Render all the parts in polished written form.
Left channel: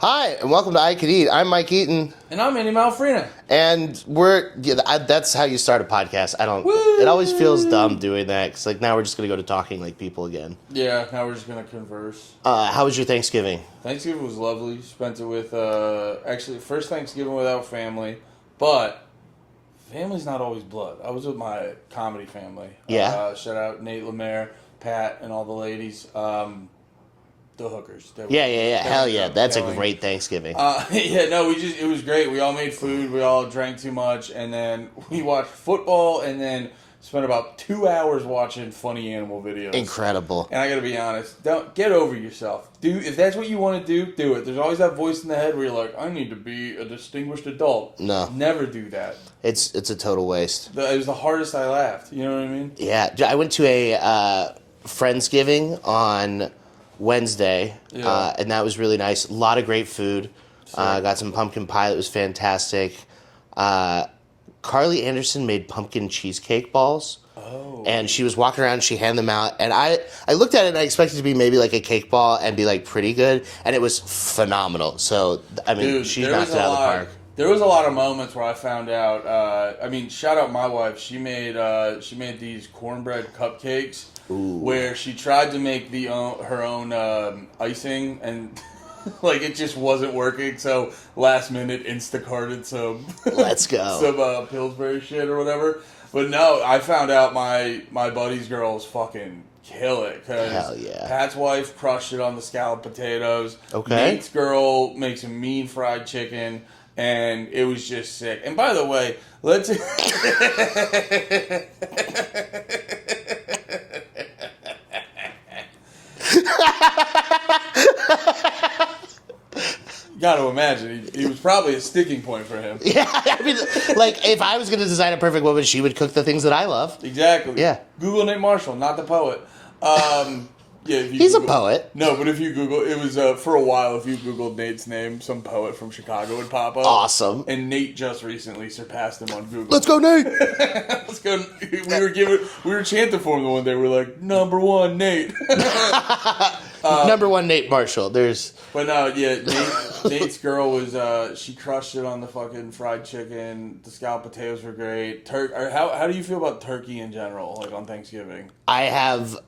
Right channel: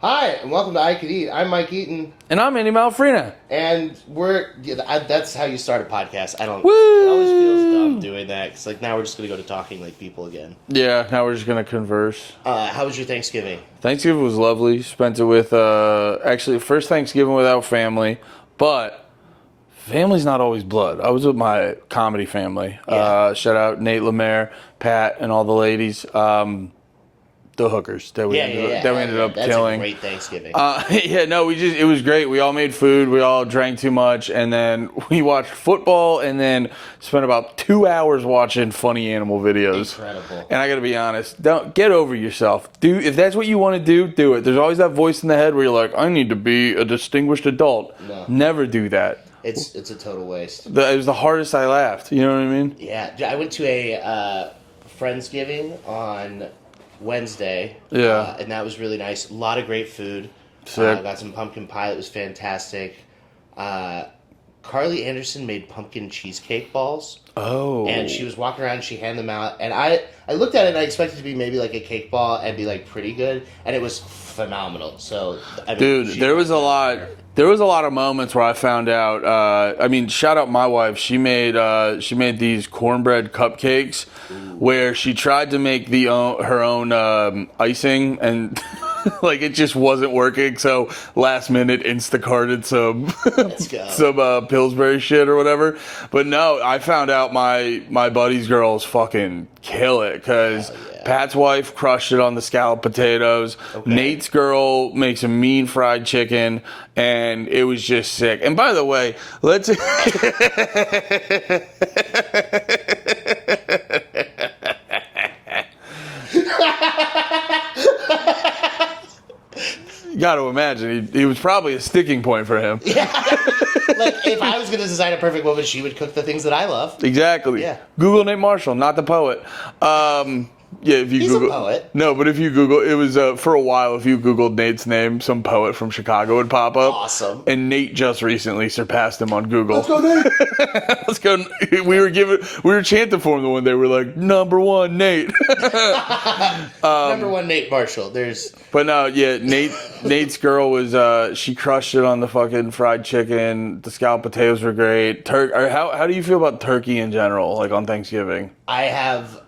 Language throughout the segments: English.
Hi, and welcome to I Could Eat. I'm Mike Eaton. And I'm Andy Malfrina. And that's how you start a podcast. Woo! It always feels dumb doing that, because now we're just going to go to talking like people again. Yeah, now we're just going to converse. How was your Thanksgiving? Thanksgiving was lovely. Spent it with, actually, first Thanksgiving without family, but family's not always blood. I was with my comedy family. Yeah. Shout out Nate Lemaire, Pat, and all the ladies. The hookers that we ended up That's killing. a great Thanksgiving. It was great. We all made food. We all drank too much, and then we watched football, and then spent about 2 hours watching funny animal videos. Incredible. And I gotta be honest, don't get over yourself. If that's what you want to do it. There's always that voice in the head where you're like, I need to be a distinguished adult. No. Never do that. It's a total waste. It was the hardest I laughed. You know what I mean? Yeah. I went to a Friendsgiving on Wednesday, and that was really nice. A lot of great food. Got some pumpkin pie that was fantastic. Carly Anderson made pumpkin cheesecake balls. Oh. And she was walking around and she handed them out. And I looked at it and I expected it to be maybe like a cake ball and be like pretty good. And it was phenomenal. So, I mean, dude, there was a lot. There was a lot of moments where I found out. Shout out my wife. She made these cornbread cupcakes. Ooh. Where she tried to make her own icing, and like it just wasn't working. So last minute Instacarted some let's go some Pillsbury shit or whatever. But no, I found out my buddy's girls fucking kill it, because Pat's wife crushed it on the scalloped potatoes. Okay. Nate's girl makes a mean fried chicken, and it was just sick. And by the way, let's you got to imagine he was probably a sticking point for him. Yeah, like if I was going to design a perfect woman, she would cook the things that I love. Exactly. Yeah. Google Nate Marshall, not the poet. Yeah, if you He's Google, a poet. No, but if you Google, it was for a while. If you Googled Nate's name, some poet from Chicago would pop up. Awesome. And Nate just recently surpassed him on Google. Let's go, Nate. Let's go. We were chanting for him the one day. We're like, #1 Nate. #1 Nate Marshall. But no, yeah, Nate's girl was she crushed it on the fucking fried chicken. The scalloped potatoes were great. How do you feel about turkey in general, like on Thanksgiving? I have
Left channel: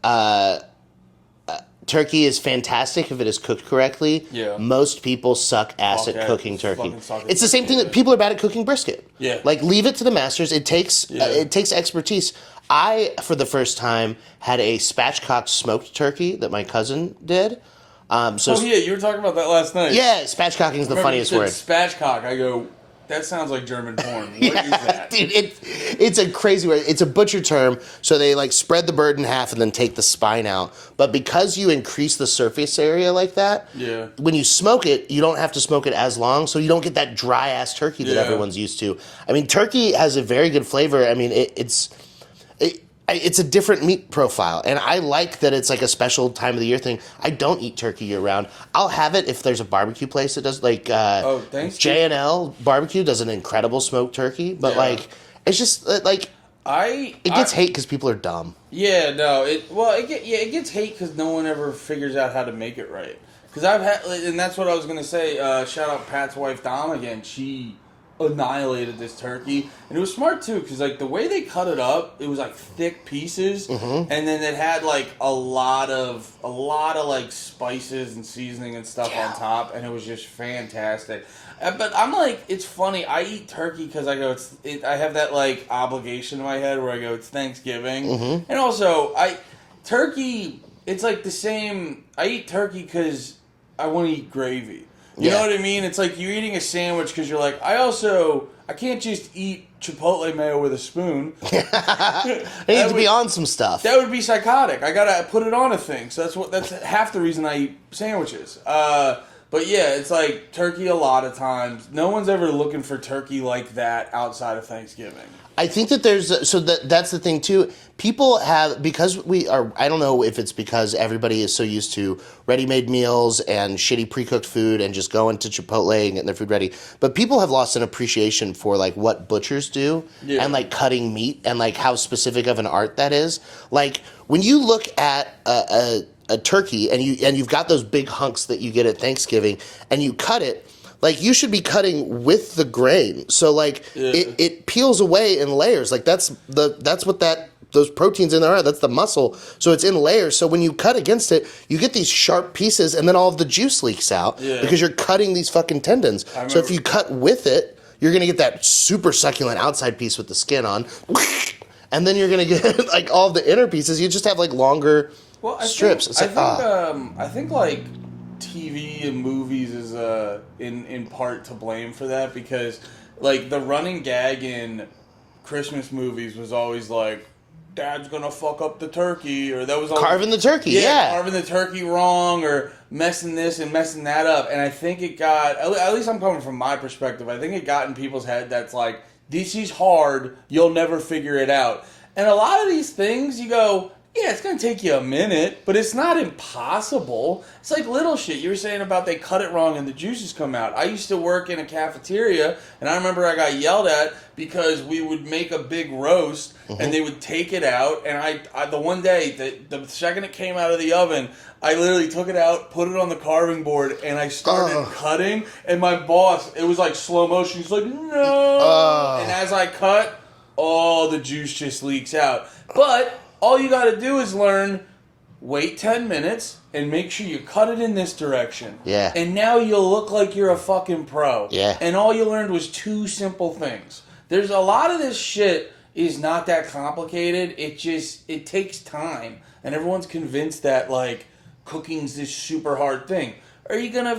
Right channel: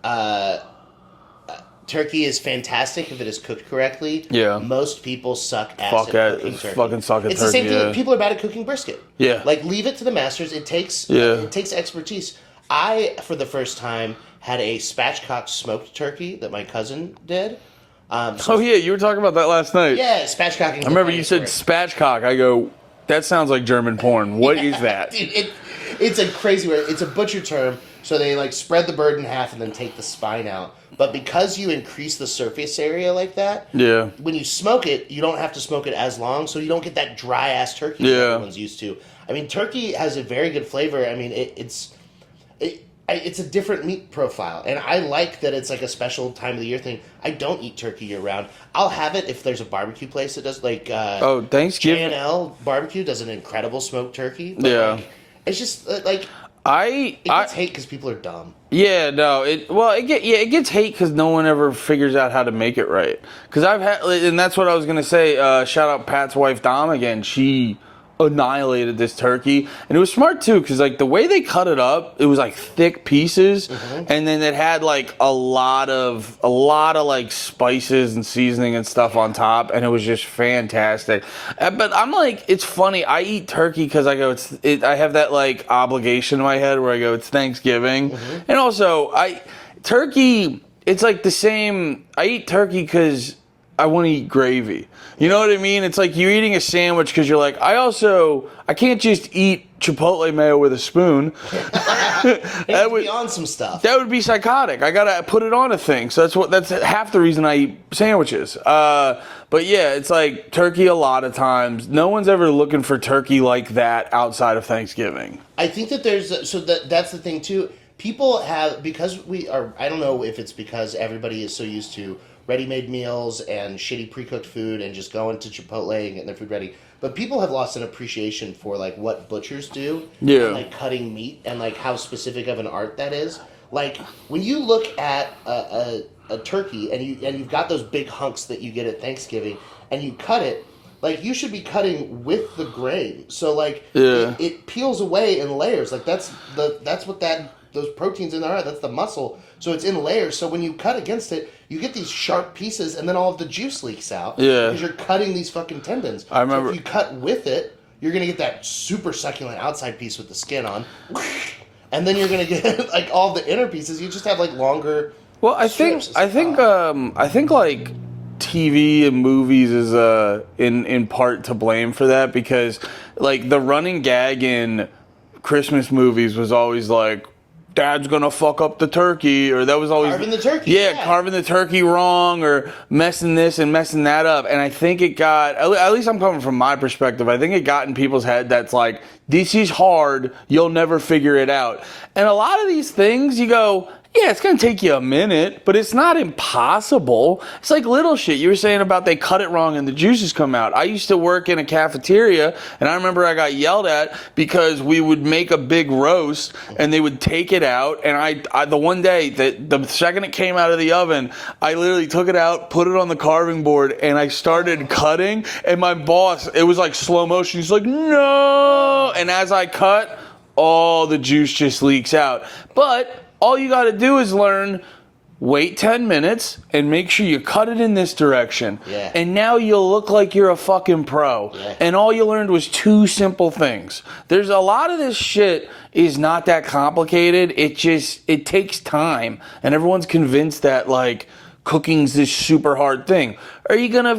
turkey is fantastic if it is cooked correctly. Yeah. Most people suck ass at cooking turkey. Fucking suck at it's the same turkey, thing. Like, people are bad at cooking brisket. Yeah. Like, leave it to the masters. It takes expertise. I, for the first time, had a spatchcock smoked turkey that my cousin did. You were talking about that last night. Yeah, spatchcocking is the funniest word. I remember you said spatchcock. I go, that sounds like German porn. What is that? Dude, it's a crazy word. It's a butcher term. So they like spread the bird in half and then take the spine out. But because you increase the surface area like that, when you smoke it, you don't have to smoke it as long, so you don't get that dry ass turkey that everyone's used to. I mean, turkey has a very good flavor. I mean, it's a different meat profile, and I like that it's like a special time of the year thing. I don't eat turkey year round. I'll have it if there's a barbecue place that does, like Thanksgiving. J&L Barbecue does an incredible smoked turkey, but like it's just like it gets hate because people are dumb. Yeah, no, it gets hate because no one ever figures out how to make it right. Because and that's what I was gonna say. Shout out Pat's wife Dom again. She annihilated this turkey, and it was smart too, because like the way they cut it up, it was like thick pieces, and then it had like a lot of like spices and seasoning and stuff on top, and it was just fantastic. But I'm like, it's funny, I eat turkey because I go, I have that like obligation in my head where I go, it's Thanksgiving, and also turkey, it's like the same. I eat turkey because I want to eat gravy. You know what I mean? It's like you're eating a sandwich because you're like, I can't just eat Chipotle mayo with a spoon. I need to be on some stuff. That would be psychotic. I gotta put it on a thing. So that's half the reason I eat sandwiches. But yeah, it's like turkey a lot of times. No one's ever looking for turkey like that outside of Thanksgiving. I think that that's the thing too. people have, because we are, I don't know if it's because everybody is so used to ready-made meals and shitty pre-cooked food and just going to Chipotle and getting their food ready, but people have lost an appreciation for like what butchers do and like cutting meat and like how specific of an art that is. Like when you look at a turkey and you've got those big hunks that you get at Thanksgiving and you cut it, like you should be cutting with the grain. So like it peels away in layers. Like that's what those proteins in there are. That's the muscle. So it's in layers. So when you cut against it, you get these sharp pieces and then all of the juice leaks out because you're cutting these fucking tendons. So if you cut with it, you're going to get that super succulent outside piece with the skin on. And then you're going to get like all the inner pieces. You just have like longer strips. I think like TV and movies is in part to blame for that, because like the running gag in Christmas movies was always like, Dad's gonna fuck up the turkey, or that was always carving the turkey. Carving the turkey wrong, or messing this and messing that up. And I think it got, at least I'm coming from my perspective, I think it got in people's head that's like, this is hard, you'll never figure it out. And a lot of these things, you go, yeah, it's going to take you a minute, but it's not impossible. It's like little shit. You were saying about they cut it wrong and the juices come out. I used to work in a cafeteria, and I remember I got yelled at because we would make a big roast, and they would take it out, and I the one day, the second it came out of the oven, I literally took it out, put it on the carving board, and I started cutting, and my boss, it was like slow motion. He's like, no! And as I cut, all the juice just leaks out. But all you got to do is learn, wait 10 minutes and make sure you cut it in this direction. Yeah. And now you'll look like you're a fucking pro. Yeah. And all you learned was 2 simple things. There's a lot of this shit is not that complicated. It takes time. And everyone's convinced that like cooking's this super hard thing. Are you gonna,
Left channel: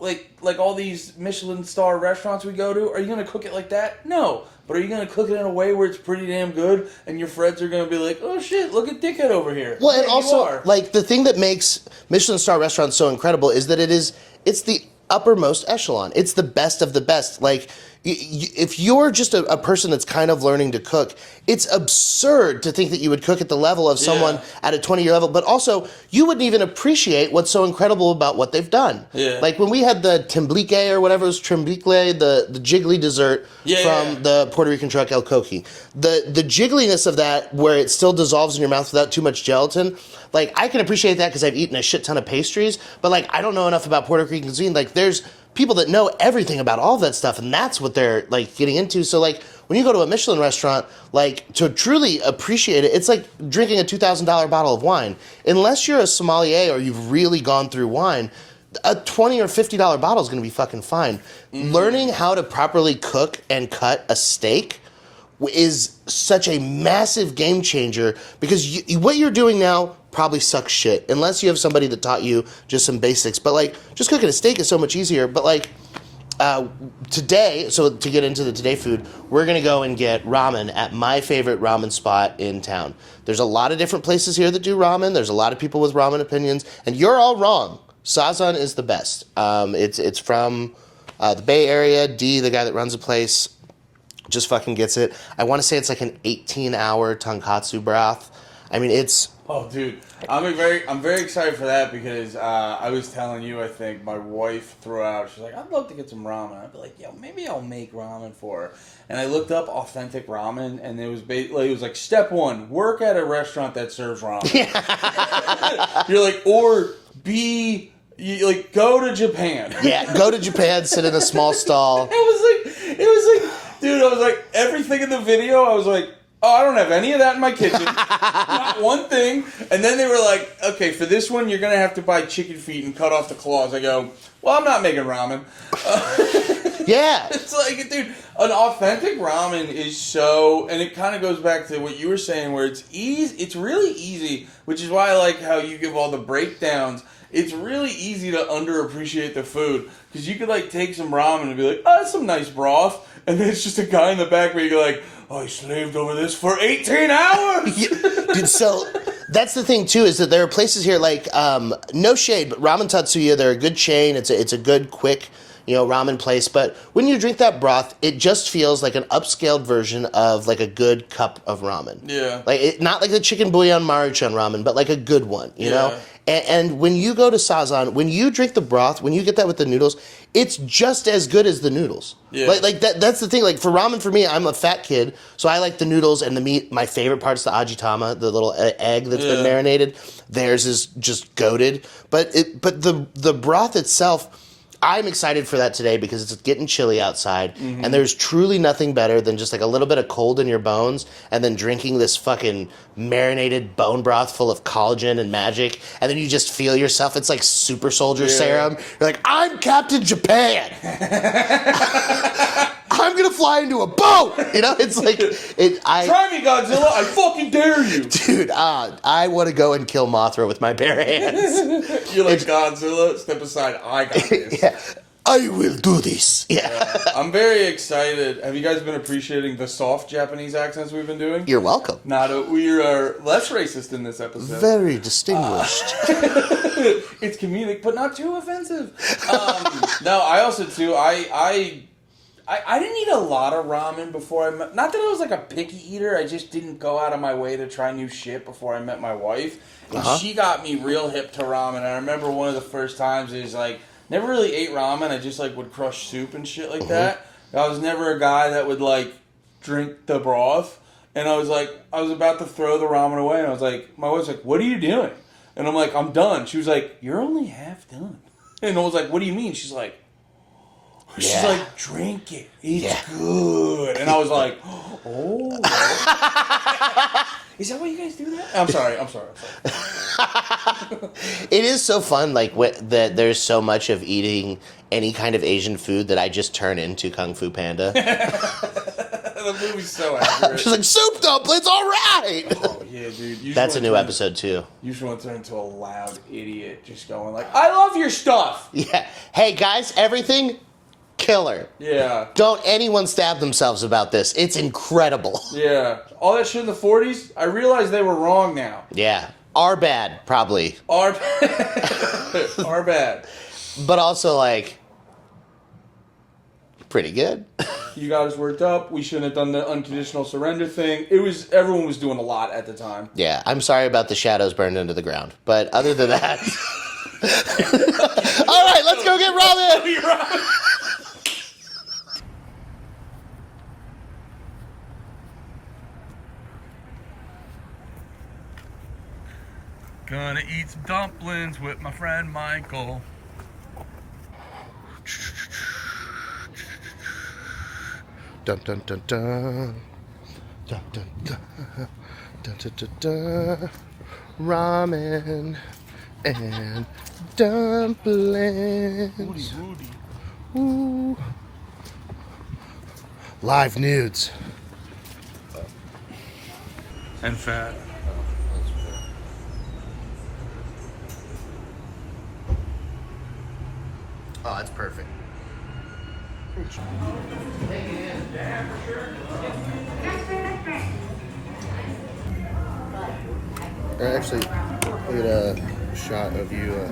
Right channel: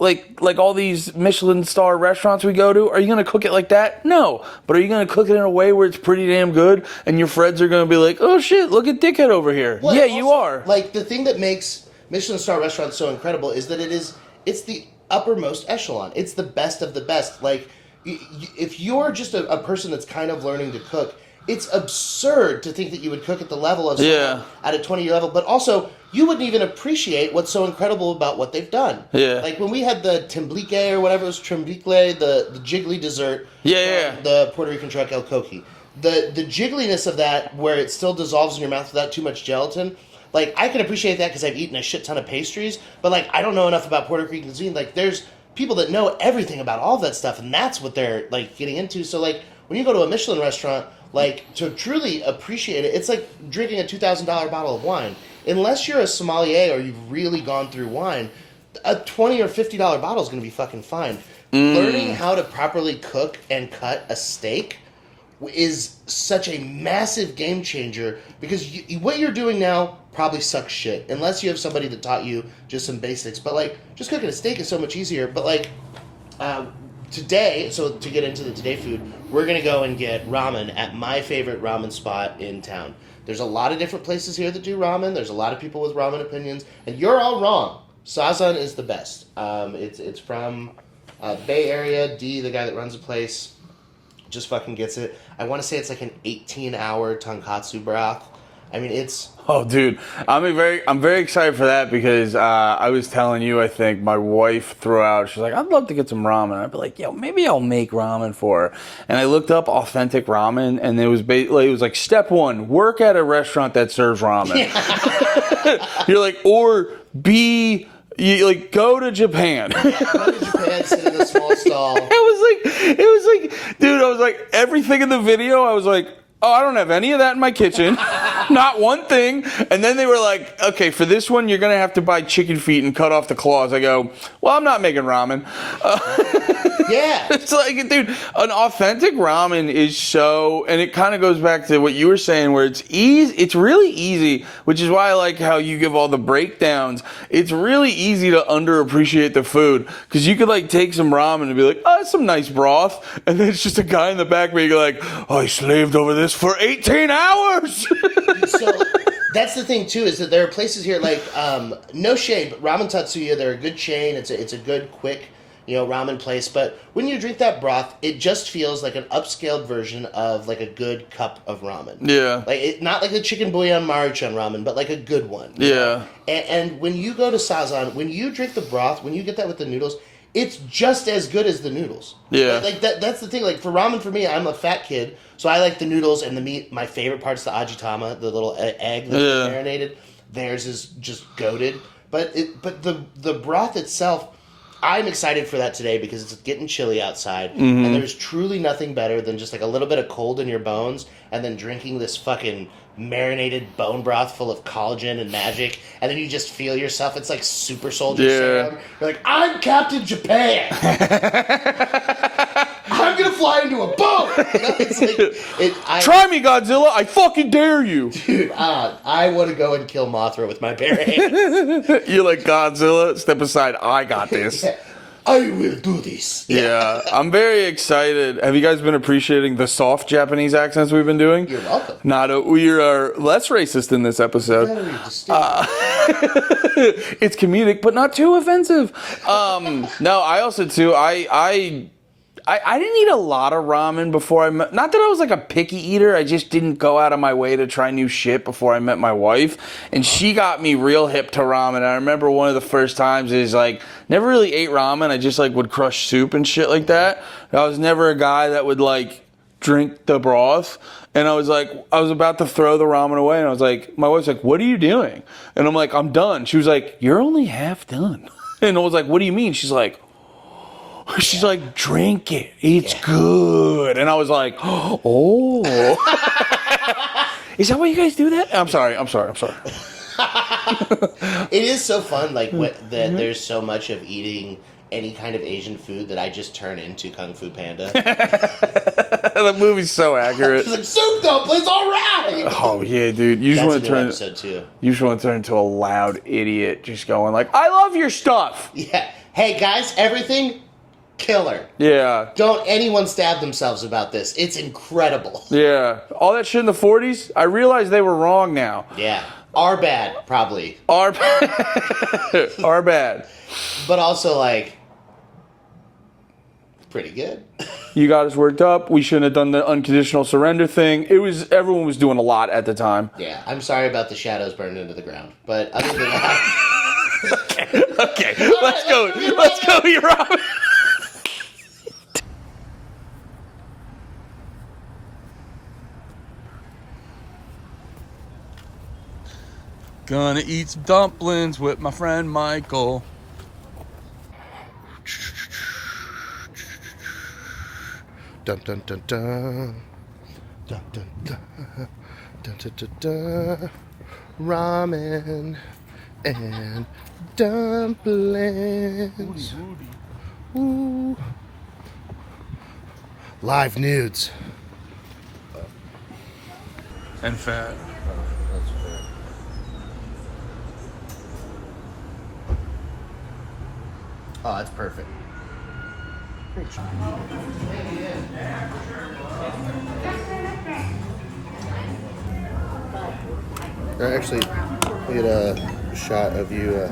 like all these Michelin star restaurants we go to, are you gonna cook it like that? No. But are you gonna cook it in a way where it's pretty damn good and your friends are gonna be like, oh shit, look at Dickhead over here? Well, yeah, also, you are. Like the thing that makes Michelin star restaurants so incredible is that it's the uppermost echelon. It's the best of the best. Like if you're just a person that's kind of learning to cook, it's absurd to think that you would cook at the level of someone at a 20-year level, but also you wouldn't even appreciate what's so incredible about what they've done. Yeah. Like when we had the timblique or whatever it was, trimblique, the jiggly dessert from the Puerto Rican truck El Coqui. The jiggliness of that, where it still dissolves in your mouth without too much gelatin, like I can appreciate that because I've eaten a shit ton of pastries, but like I don't know enough about Puerto Rican cuisine. Like there's people that know everything about all that stuff, and that's what they're like getting into. So like when you go to a Michelin restaurant, like to truly appreciate it, it's like drinking a $2,000 bottle of wine. Unless you're a sommelier or you've really gone through wine, a $20 or $50 bottle is going to be fucking fine. Learning how to properly cook and cut a steak is such a massive game changer, because what you're doing now probably sucks shit unless you have somebody that taught you just some basics. But like just cooking a steak is so much easier. But like today, so to get into the today food, we're gonna go and get ramen at my favorite ramen spot in town. There's a lot of different places here that do ramen. There's a lot of people with ramen opinions, and you're all wrong. Sazan is the best. It's from the Bay Area. D, the guy that runs the place, just fucking gets it. I want to say it's like an 18-hour tonkatsu broth. I mean, it's... Oh, dude. I'm very excited for that because I was telling you, I think, my wife threw out, she's like, I'd love to get some ramen. I'd be like, yo, maybe I'll make ramen for her. And I looked up authentic ramen, and it was like, step 1, work at a restaurant that serves ramen. You're like, or B... You like go to Japan. Yeah, go to Japan, sit in a small stall. It was like, dude, I was like, everything in the video, I was like, oh, I don't have any of that in my kitchen. Not one thing. And then they were like, okay, for this one, you're going to have to buy chicken feet and cut off the claws. I go, well, I'm not making ramen. Yeah. It's like, dude, an authentic ramen is so, and it kind of goes back to what you were saying, where it's easy. It's really easy, which is why I like how you give all the breakdowns. It's really easy to underappreciate the food, because you could like take some ramen and be like, oh, that's some nice broth, and then it's just a guy in the back where you go like, oh, I slaved over this for 18 hours. Dude, so that's the thing too, is that there are places here like no shade, but Ramen Tatsuya, they're a good chain. It's a good quick ramen place. But when you drink that broth, it just feels like an upscaled version of like a good cup of ramen. Yeah. Like not like the chicken bouillon Maruchan ramen, but like a good one. You know? And when you go to Sazan, when you drink the broth, when you get that with the noodles, it's just as good as the noodles. Yeah. Like that's the thing. Like for ramen, for me, I'm a fat kid, so I like the noodles and the meat. My favorite part is the ajitama, the little egg that's been marinated. Theirs is just goated. But the broth itself, I'm excited for that today because it's getting chilly outside, and there's truly nothing better than just like a little bit of cold in your bones, and then drinking this fucking marinated bone broth full of collagen and magic, and then you just feel yourself. It's like super soldier serum. You're like, I'm Captain Japan. I'm gonna fly into a boat. It's like try me, Godzilla. I fucking dare you, dude. I want to go and kill Mothra with my bare hands. You're like Godzilla. Step aside. I got this. I will do this. Yeah, I'm very excited. Have you guys been appreciating the soft Japanese accents we've been doing? You're welcome. We are less racist in this episode. Very distinguished. It's comedic, but not too offensive. No, I also too. I didn't eat a lot of ramen before I met. Not that I was like a picky eater. I just didn't go out of my way to try new shit before I met my wife, and she got me real hip to ramen. And I remember one of the first times is like never really ate ramen. I just like would crush soup and shit like that. I was never a guy that would like drink the broth. And I was about to throw the ramen away, and I was like, my wife's like, "What are you doing?" And I'm like, "I'm done." She was like, "You're only half done." And I was like, "What do you mean?" She's like, "Drink it. It's good." And I was like, "Oh." Is that why you guys do that? I'm sorry. It is so fun, like that. There's so much of eating any kind of Asian food that I just turn into Kung Fu Panda. The movie's so accurate. She's like, soup dumplings, all right. Oh yeah, dude. That's a new episode too. You just want to turn into a loud idiot, just going like, "I love your stuff." Yeah. Hey guys, everything killer. Yeah. Don't anyone stab themselves about this. It's incredible. Yeah. All that shit in the 40s, I realize they were wrong now. Yeah. Are bad, probably. Are bad. But also, like, pretty good. You got us worked up. We shouldn't have done the unconditional surrender thing. Everyone was doing a lot at the time. Yeah. I'm sorry about the shadows burned into the ground. But other than that... Okay. All right, let's go get ramen. Let's go get ramen. Gonna eat some dumplings with my friend Michael. Dun dun dun dun. Dun dun dun. Dun dun dun dun. Ramen and dumplings. Ooh. Live nudes. And fat. Oh, that's perfect. Actually, look at a shot of you.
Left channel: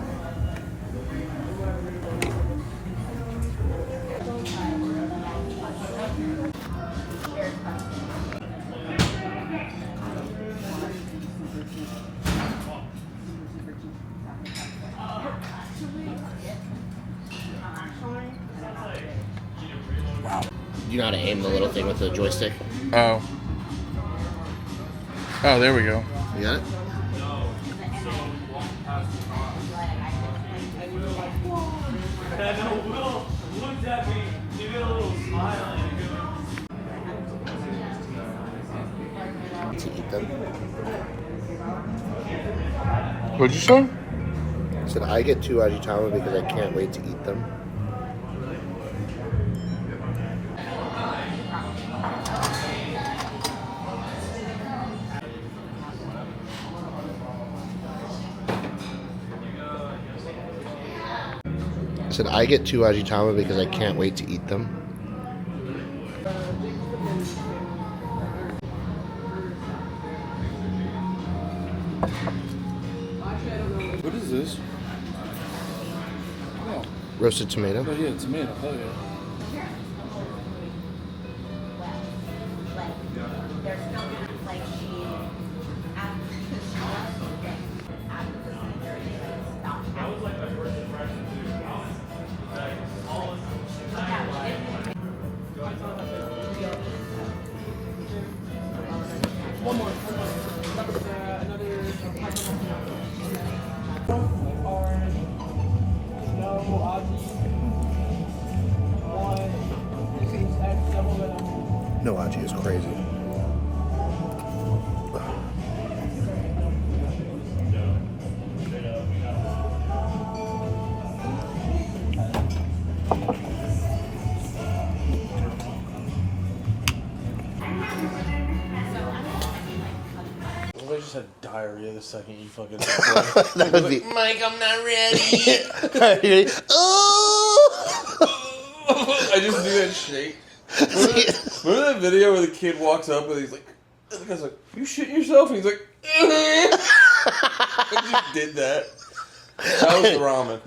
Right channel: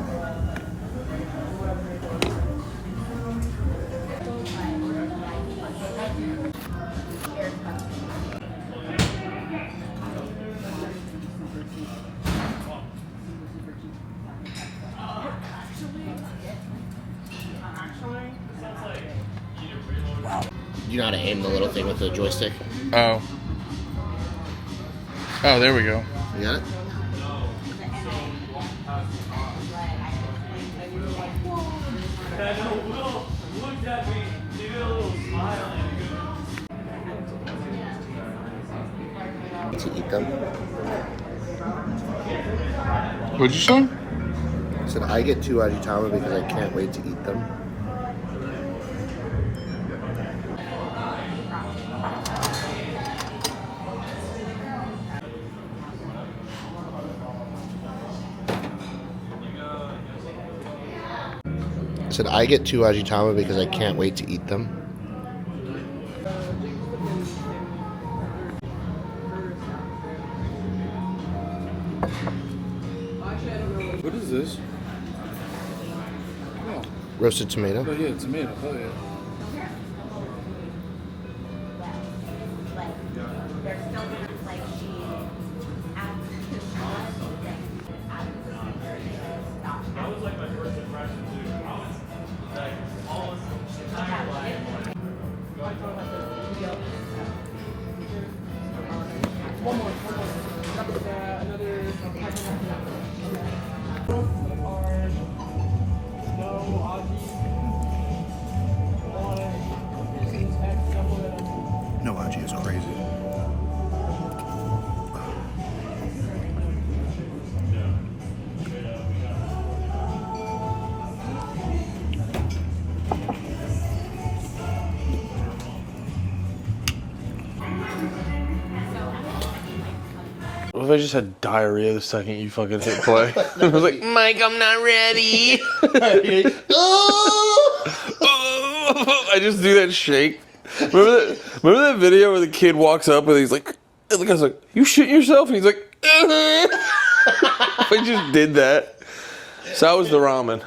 You know how to aim the little thing with the joystick? Oh, there we go. You got it? To eat them. What'd you say? I said I get 2 ajitama because I can't wait to eat them. I said I get 2 ajitama because I can't wait to eat them. What is this? Roasted tomato. Oh yeah, tomato. Hell yeah. No aji is crazy. What if I just had diarrhea the second you fucking hit play? I was like, Mike, I'm not ready. I just do that shake. Remember that video where the kid walks up and he's like, and the guy's like, you shitting yourself? And he's like, I just did that. So that was the ramen.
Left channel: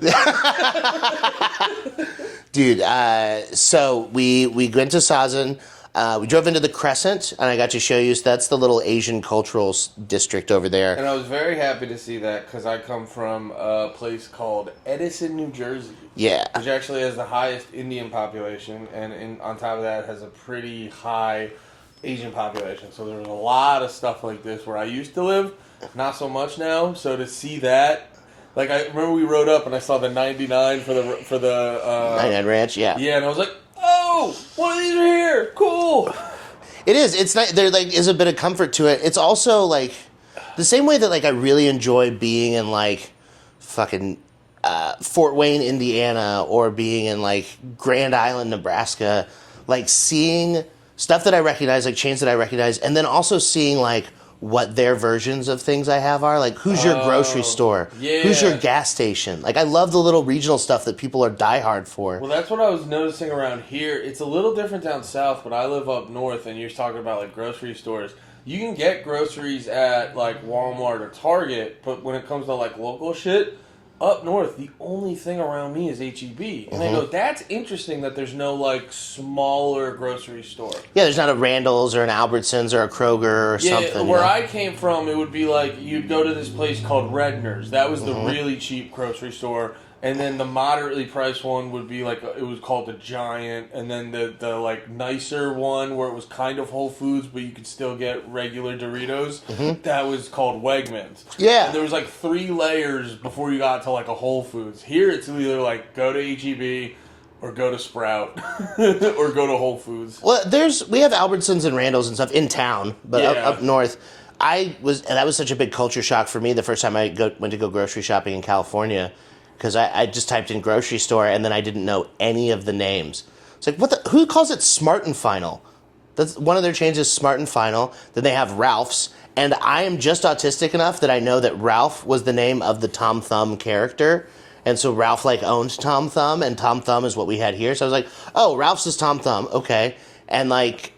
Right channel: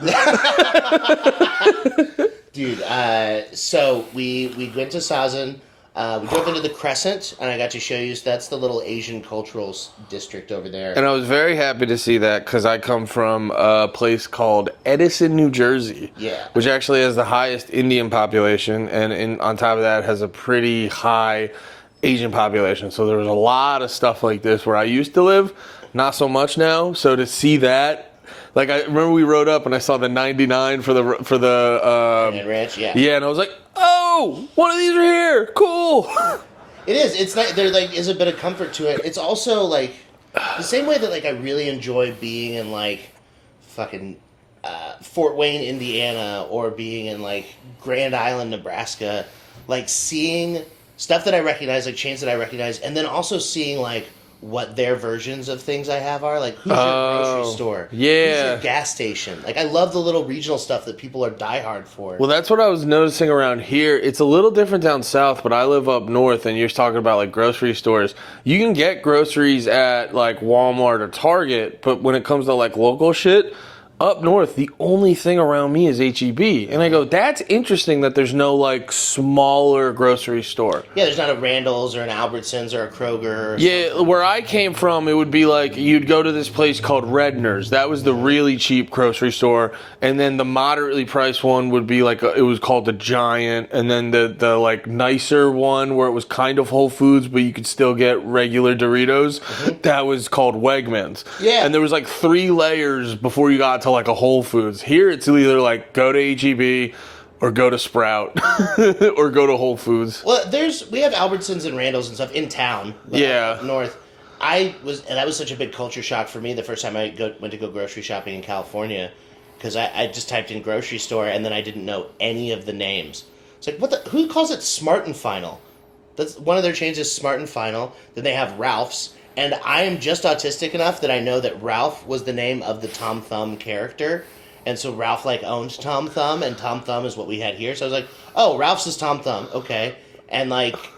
Dude, so we went to Sazan. We drove into the Crescent, and I got to show you. So that's the little Asian cultural district over there. And I was very happy to see that because I come from a place called Edison, New Jersey. Yeah. Which actually has the highest Indian population, and on top of that has a pretty high Asian population. So there was a lot of stuff like this where I used to live. Not so much now. So to see that. Like, I remember we rode up and I saw the 99 for the 99 Ranch, yeah. Yeah, and I was like, oh, one of these are here. Cool. It is. It's not, there like is a bit of comfort to it. It's also like the same way that like I really enjoy being in like fucking Fort Wayne, Indiana, or being in like Grand Island, Nebraska, like seeing stuff that I recognize, like chains that I recognize, and then also seeing like what their versions of things I have are. Like, who's your grocery store? Yeah. Who's your gas station? Like, I love the little regional stuff that people are diehard for. Well, that's what I was noticing around here. It's a little different down south, but I live up north, and you're talking about, like, grocery stores. You can get groceries at, like, Walmart or Target, but when it comes to, like, local shit, up north, the only thing around me is H-E-B. And I go, that's interesting that there's no, like, smaller grocery store. Yeah, there's not a Randall's or an Albertsons or a Kroger or something. Yeah, where I came from, it would be like, you'd go to this place called Redner's. That was the really cheap grocery store. And then the moderately priced one would be like, it was called the Giant. And then the like, nicer one where it was kind of Whole Foods, but you could still get regular Doritos, that was called Wegmans. Yeah. And there was like 3 layers before you got to like a Whole Foods. Here it's either like go to H-E-B or go to Sprout or go to Whole Foods. Well, we have Albertsons and Randall's and stuff in town, but up north. And that was such a big culture shock for me the first time I went to go grocery shopping in California, because I just typed in grocery store and then I didn't know any of the names. It's like, who calls it Smart and Final? That's one of their chains is Smart and Final. Then they have Ralph's. And I am just autistic enough that I know that Ralph was the name of the Tom Thumb character. And so Ralph, like, owned Tom Thumb, and Tom Thumb is what we had here. So I was like, oh, Ralph's is Tom Thumb. Okay. And, like,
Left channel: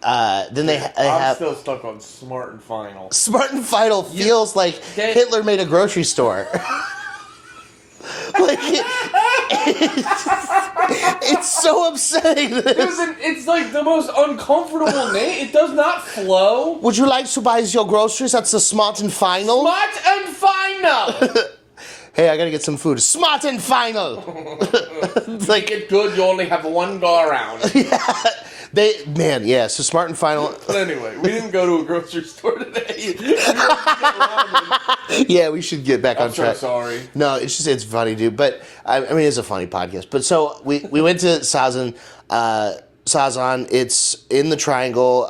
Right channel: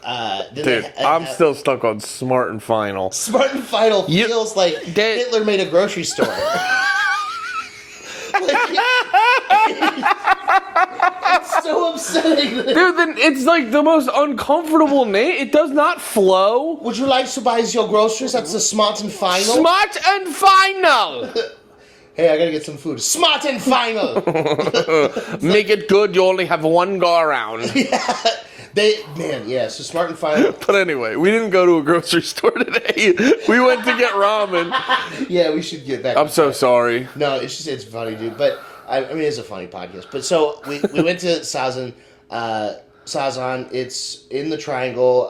then I'm still stuck on Smart and Final. Smart and Final feels like Hitler made a grocery store. It's so upsetting. Dude, it's like the most uncomfortable name. It does not flow. Would you like to buy your groceries at the Smart and Final? Smart and Final. Hey, I gotta get some food. Smart and Final. Make it good. You only have one go around. So Smart and Final. But anyway, we didn't go to a grocery store today. We went to get ramen. Yeah, we should get back on track. I'm so sorry. No, it's funny, dude. But, I mean, it's a funny podcast. But so, we went to Sazan. Sazan, it's in the Triangle.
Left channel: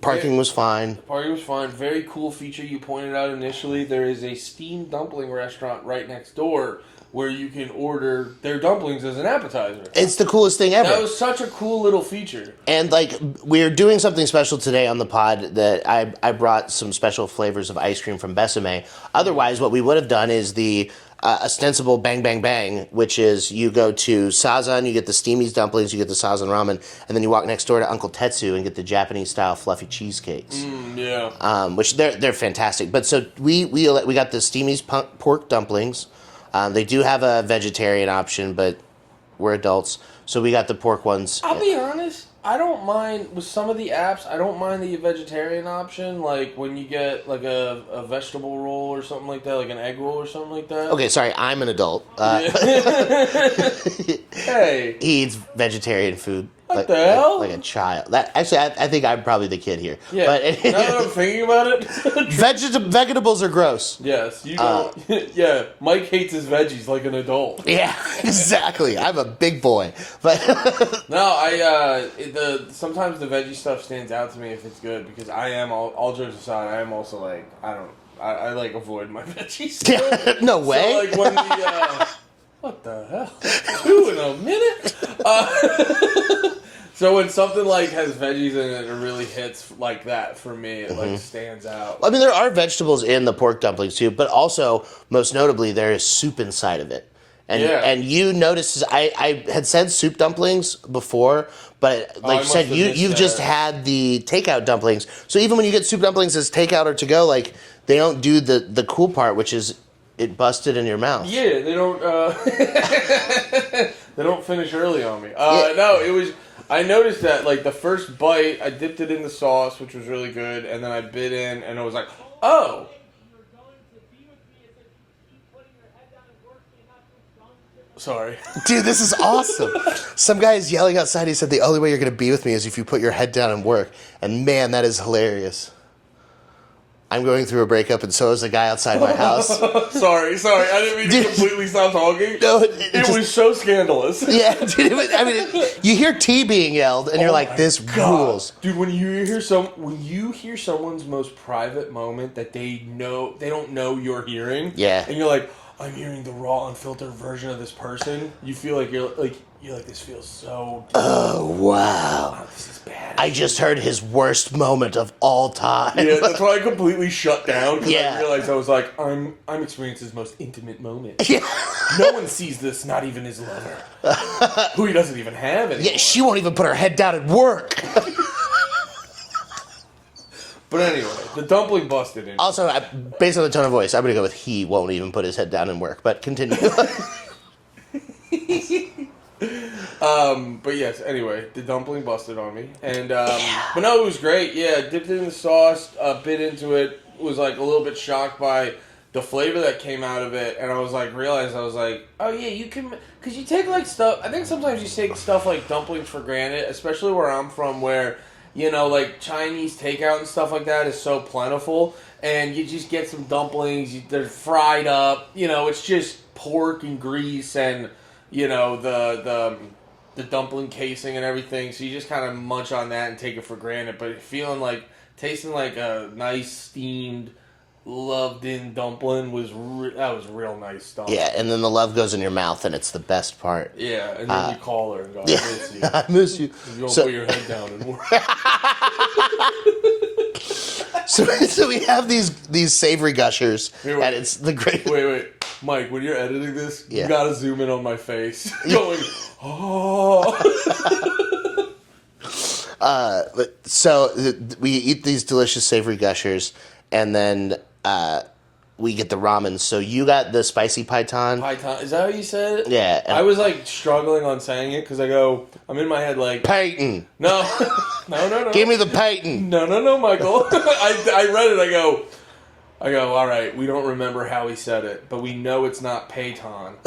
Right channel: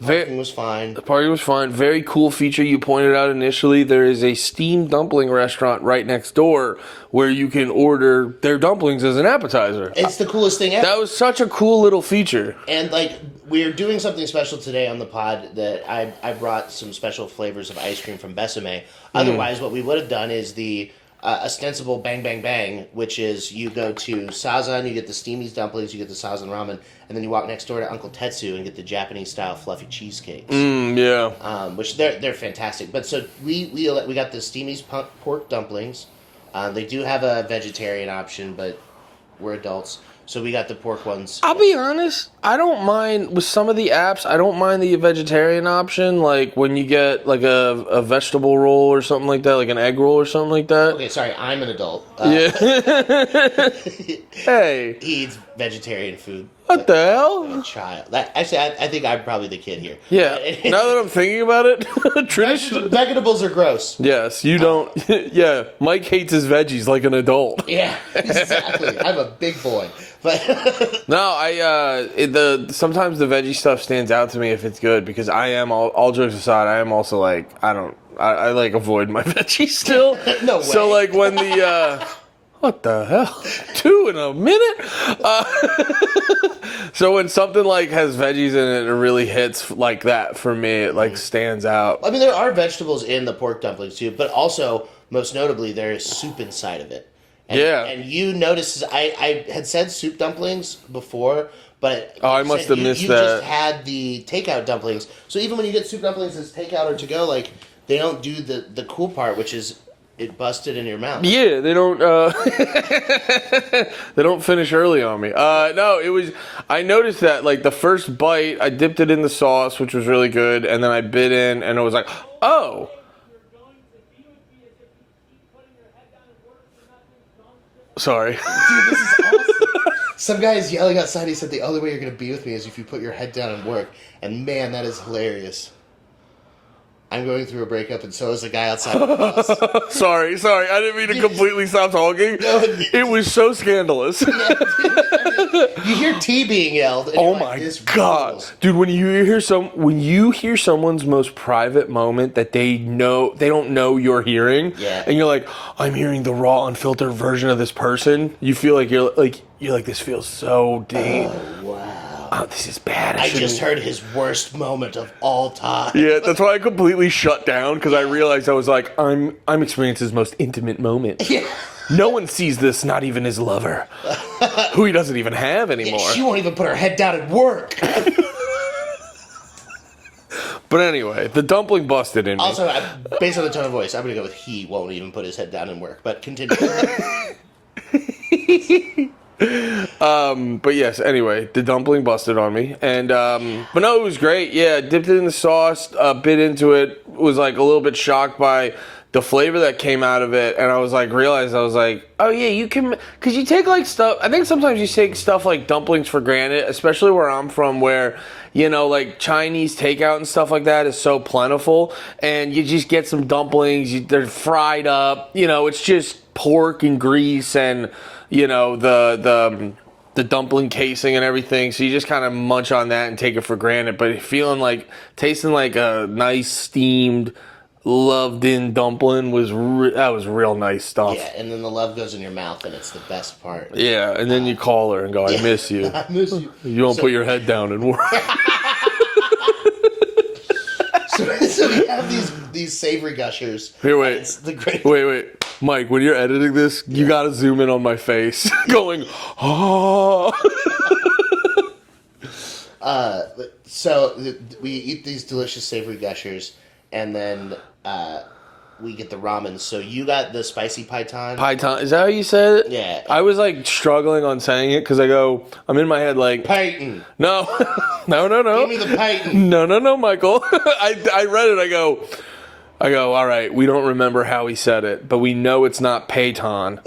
Parking was fine. The parking was fine. Very cool feature you pointed out initially. There is a steamed dumpling restaurant right next door where you can order their dumplings as an appetizer. It's the coolest thing ever. That was such a cool little feature. And, like, we're doing something special today on the pod that I brought some special flavors of ice cream from Besame. Otherwise, what we would have done is the ostensible bang, bang, bang, which is you go to Sazan, you get the steamies dumplings, you get the Sazan ramen, and then you walk next door to Uncle Tetsu and get the Japanese-style fluffy cheesecakes. Which they're fantastic. But so we got the steamies pork dumplings. They do have a vegetarian option, but we're adults. So we got the pork ones. I'll be honest, I don't mind, with some of the apps, I don't mind the vegetarian option, like when you get like a vegetable roll or something like that, like an egg roll or something like that. Okay, sorry, I'm an adult. Yeah. Hey. He eats vegetarian food. What the hell? Like a child. Actually, I think I'm probably the kid here. Yeah. But, now that I'm thinking about it, vegetables are gross. Yes, you don't. Yeah, Mike hates his veggies like an adult. Yeah, exactly. I'm a big boy. But no, sometimes the veggie stuff stands out to me if it's good, because I am, all jokes aside, I am also like, I like avoid my veggies still. No way. So like when the what the hell? 2 in a minute? So when something like has veggies in it, it really hits like that for me. It like stands out. I mean, there are vegetables in the pork dumplings too, but also, most notably, there is soup inside of it. And, and you noticed, I had said soup dumplings before, but like you said, you just had the takeout dumplings. So even when you get soup dumplings as takeout or to go, like, they don't do the cool part, which is it busted in your mouth. Yeah, they don't. They don't finish early on me. No, it was. I noticed that like the first bite, I dipped it in the sauce, which was really good, and then I bit in, and it was like, oh. Sorry. Dude, this is awesome. Some guy is yelling outside. He said the only way you're going to be with me is if you put your head down and work. And man, that is hilarious. I'm going through a breakup, and so is the guy outside my house. Sorry. I didn't mean to completely stop talking. No, it was so scandalous. Yeah, dude. I mean, you hear T being yelled, and you're like, "This rules." Dude, when you hear someone's most private moment that they don't know you're hearing, and you're like, "I'm hearing the raw, unfiltered version of this person." You feel like you're like, this feels so deep. Oh, wow. Oh, this is bad. I just heard his worst moment of all time. Yeah, that's why I completely shut down, because I realized I was like, I'm experiencing his most intimate moment. Yeah. No one sees this, not even his lover, who he doesn't even have anymore. Yeah, she won't even put her head down and work. But anyway, the dumpling busted in me. Also, based on the tone of voice, I'm going to go with he won't even put his head down and work, but continue. But yes, anyway, the dumpling busted on me, and but no, it was great. Yeah, dipped it in the sauce, bit into it, was like a little bit shocked by the flavor that came out of it, and I was like, oh yeah, you can, because you take like stuff, I think sometimes you take stuff like dumplings for granted, especially where I'm from, where, you know, like Chinese takeout and stuff like that is so plentiful, and you just get some dumplings, they're fried up, you know, it's just pork and grease and, you know, the dumpling casing and everything, so you just kind of munch on that and take it for granted, but tasting like a nice steamed, loved-in dumpling was real nice stuff. Yeah, and then the love goes in your mouth, and it's the best part. Yeah, and then you call her and go, I miss you. I miss you. You don't put your head down and work. So we have these savory gushers. Here, wait. It's the great. Wait. Mike, when you're editing this, you gotta zoom in on my face. Going, oh. So we eat these delicious savory gushers, and then we get the ramen. So you got the spicy python. Python, is that how you said it? Yeah. I was like struggling on saying it because I'm in my head like Peyton. No. Give me the Peyton. No, Michael. I read it. I go. All right. We don't remember how he said it, but we know it's not Peyton.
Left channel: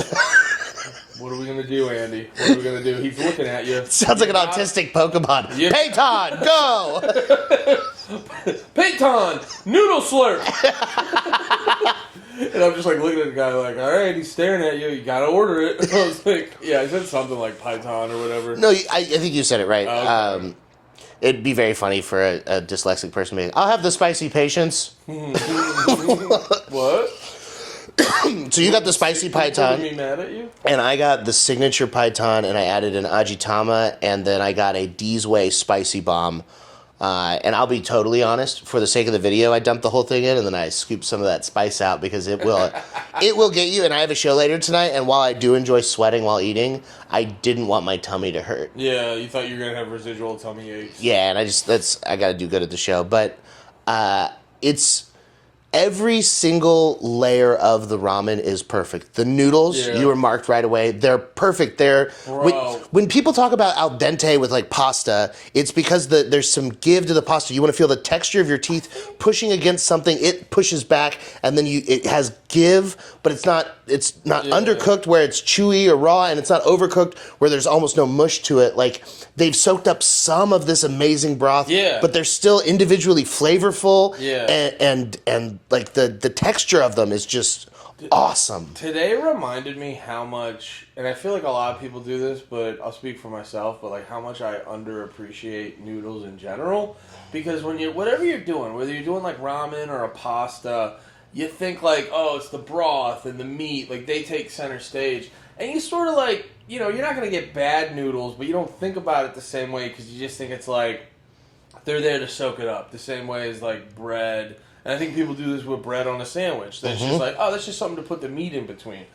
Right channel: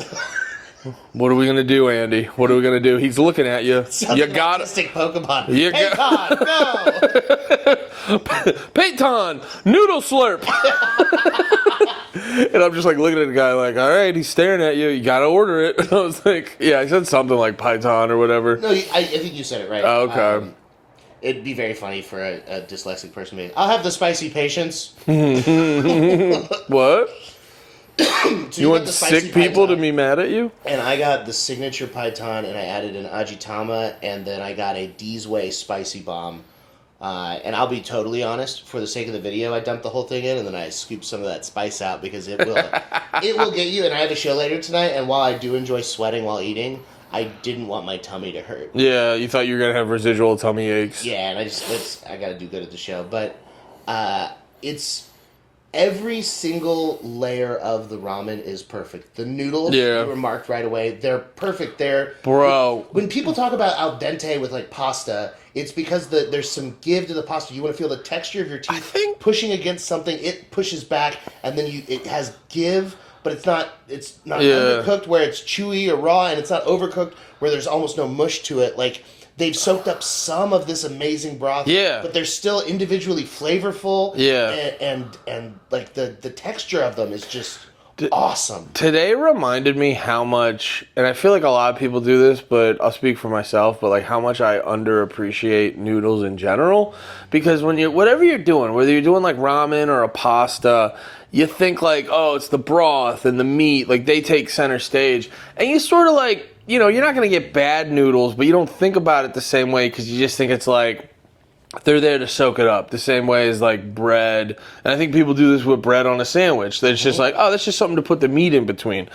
What are we gonna do, Andy? What are we gonna do? He's looking at you. Sounds like an autistic Pokemon. Peyton, go! Peyton, noodle slurp. And I'm just like looking at the guy like, all right, he's staring at you. You gotta order it. And I was like, yeah, I said something like Python or whatever. No, I think you said it right. Oh, okay. It'd be very funny for a dyslexic person being, I'll have the spicy patience. What? So you got the spicy sick python. people to be mad at you? And I got the signature python, and I added an ajitama, and then I got a D's Way spicy bomb. And I'll be totally honest, for the sake of the video, I dumped the whole thing in, and then I scooped some of that spice out because it will get you. And I have a show later tonight, and while I do enjoy sweating while eating, I didn't want my tummy to hurt. Yeah, you thought you were gonna have residual tummy aches. Yeah, and I got to do good at the show, but Every single layer of the ramen is perfect. The noodles, you remarked right away, they're perfect. When people talk about al dente with like pasta, it's because there's some give to the pasta. You want to feel the texture of your teeth pushing against something. It pushes back, and then it has give, but it's not undercooked where it's chewy or raw, and it's not overcooked where there's almost no mush to it. Like, they've soaked up some of this amazing broth, but they're still individually flavorful. And like the texture of them is just awesome. Today reminded me how much, and I feel like a lot of people do this, but I'll speak for myself, but like how much I underappreciate noodles in general. Because whatever you're doing, whether you're doing like ramen or a pasta, you think like, oh, it's the broth and the meat, like they take center stage. And you sort of like, you know, you're not going to get bad noodles, but you don't think about it the same way because you just think it's like, they're there to soak it up the same way as like bread. And I think people do this with bread on a sandwich. That's just like, oh, that's just something to put the meat in between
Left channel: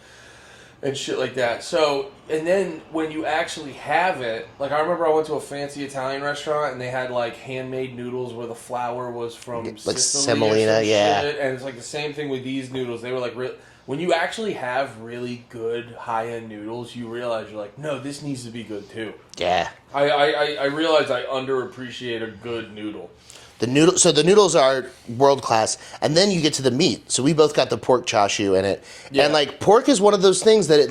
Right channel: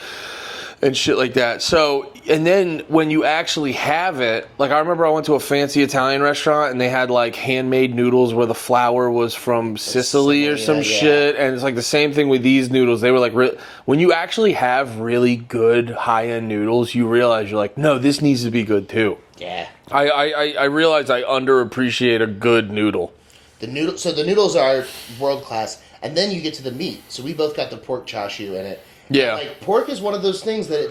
and shit like that. So, and then when you actually have it, like I remember I went to a fancy Italian restaurant and they had like handmade noodles where the flour was from Sicily or some shit. And it's like the same thing with these noodles. They were like, when you actually have really good high-end noodles, you realize you're like, no, this needs to be good too. Yeah. I realize I underappreciate a good noodle. So the noodles are world class, and then you get to the meat. So we both got the pork chashu in it, and like pork is one of those things that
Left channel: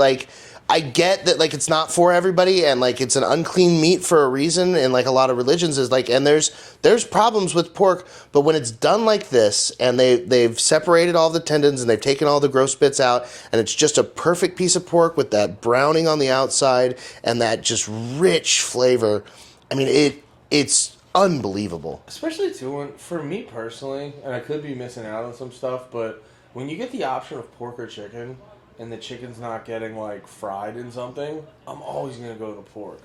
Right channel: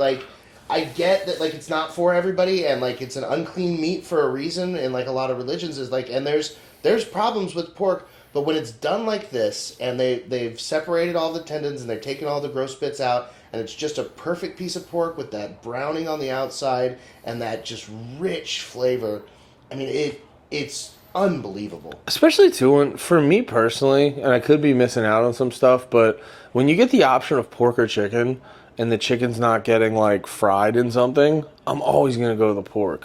I get that like it's not for everybody, and like it's an unclean meat for a reason, and like a lot of religions is like, and there's problems with pork, but when it's done like this, and they've separated all the tendons and they've taken all the gross bits out, and it's just a perfect piece of pork with that browning on the outside and that just rich flavor. I mean, it's unbelievable. Especially too, for me personally, and I could be missing out on some stuff, but when you get the option of pork or chicken and the chicken's not getting like fried in something, I'm always gonna go to the pork.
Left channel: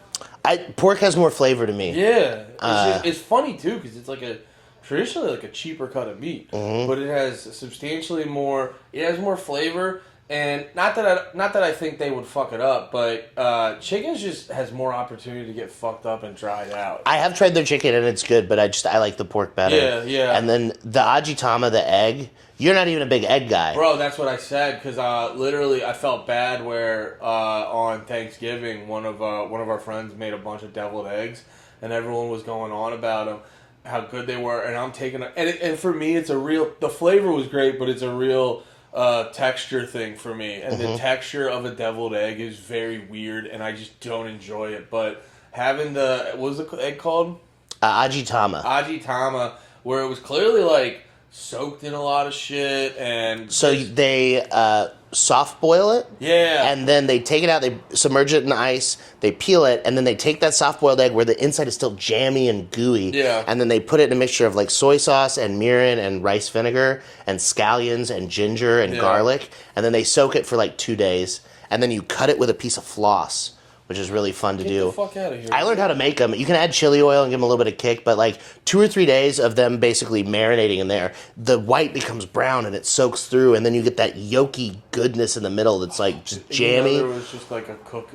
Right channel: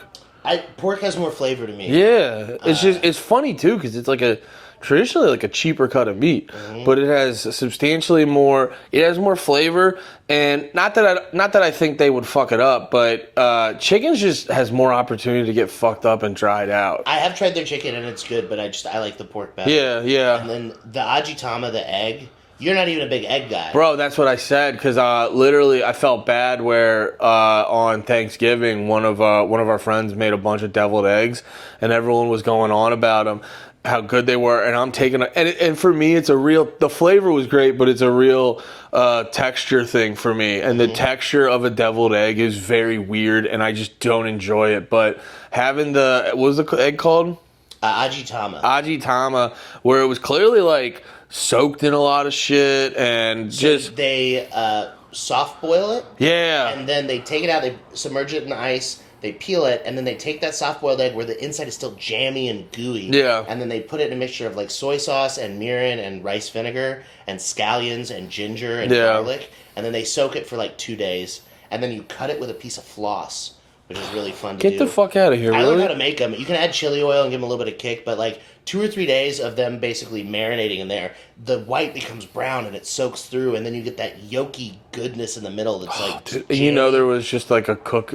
Pork has more flavor to me. Yeah, it's funny too because it's like traditionally like a cheaper cut of meat, but it has substantially more. It has more flavor, and not that I think they would fuck it up, but chicken just has more opportunity to get fucked up and dried out. I have tried their chicken and it's good, but I like the pork better. Yeah. And then the ajitama, the egg. You're not even a big egg guy. Bro, that's what I said, because literally I felt bad where on Thanksgiving, one of our friends made a bunch of deviled eggs, and everyone was going on about them, how good they were, and I'm taking and for me, the flavor was great, but it's a real texture thing for me, and the texture of a deviled egg is very weird, and I just don't enjoy it, but having what was the egg called? Ajitama, where it was clearly like soaked in a lot of shit, and so they soft boil it, and then they take it out, they submerge it in ice, they peel it, and then they take that soft boiled egg where the inside is still jammy and gooey, and then they put it in a mixture of like soy sauce and mirin and rice vinegar and scallions and ginger and garlic, and then they soak it for like 2 days, and then you cut it with a piece of floss, which is really fun to do. Get the fuck out of here. I learned how to make them. You can add chili oil and give them a little bit of kick, but like 2 or 3 days of them basically marinating in there, the white becomes brown and it soaks through, and then you get that yolky goodness in the middle that's like jammy. You know, there was just like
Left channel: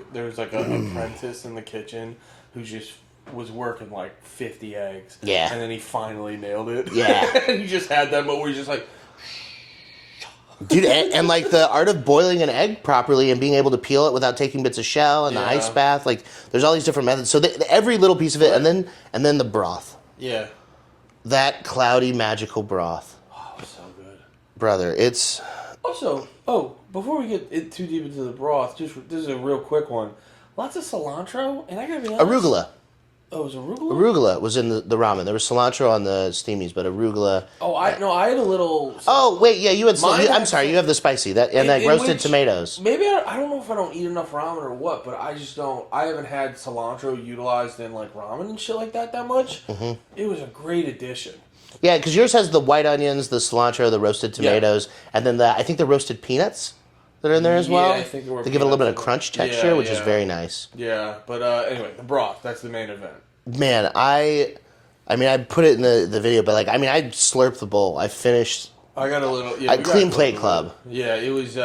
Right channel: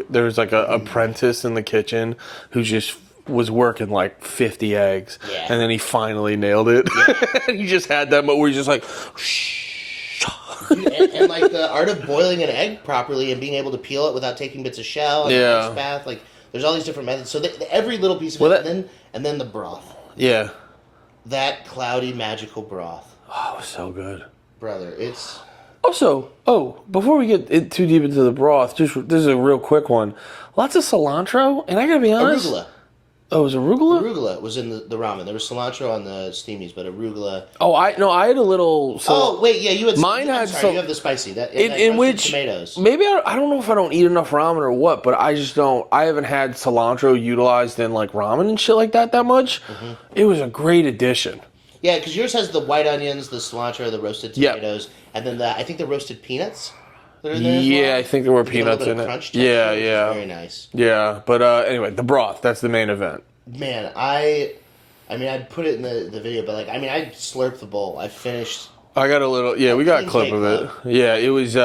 there was like an apprentice in the kitchen who just was working like 50 eggs. Yeah. And then he finally nailed it. Yeah. And he just had that moment where he's just like, shh. Dude, and like the art of boiling an egg properly and being able to peel it without taking bits of shell and the ice bath, like there's all these different methods. So every little piece of it, and then the broth. Yeah. That cloudy, magical broth. Oh, it was so good. Brother, it's... Also, before we get too deep into the broth, this is a real quick one. Lots of cilantro, and I gotta be honest... Arugula. Oh, it was arugula? Arugula was in the ramen. There was cilantro on the steamies, but arugula... Oh, I had a little... you had... I'm sorry, you have the spicy. That roasted tomatoes. Maybe, I don't know if I don't eat enough ramen or what, but I just don't... I haven't had cilantro utilized in, like, ramen and shit like that much. It was a great addition. Yeah, because yours has the white onions, the cilantro, the roasted tomatoes, and then I think the roasted peanuts that are in there as well. Yeah, I think there were peanuts in it. A little bit of crunch texture, which is very nice. Yeah, but anyway, the broth, that's the main event. Man, I put it in the video, but I slurped the bowl. I finished. I got a little, we got a clip of club. it. Yeah, it was,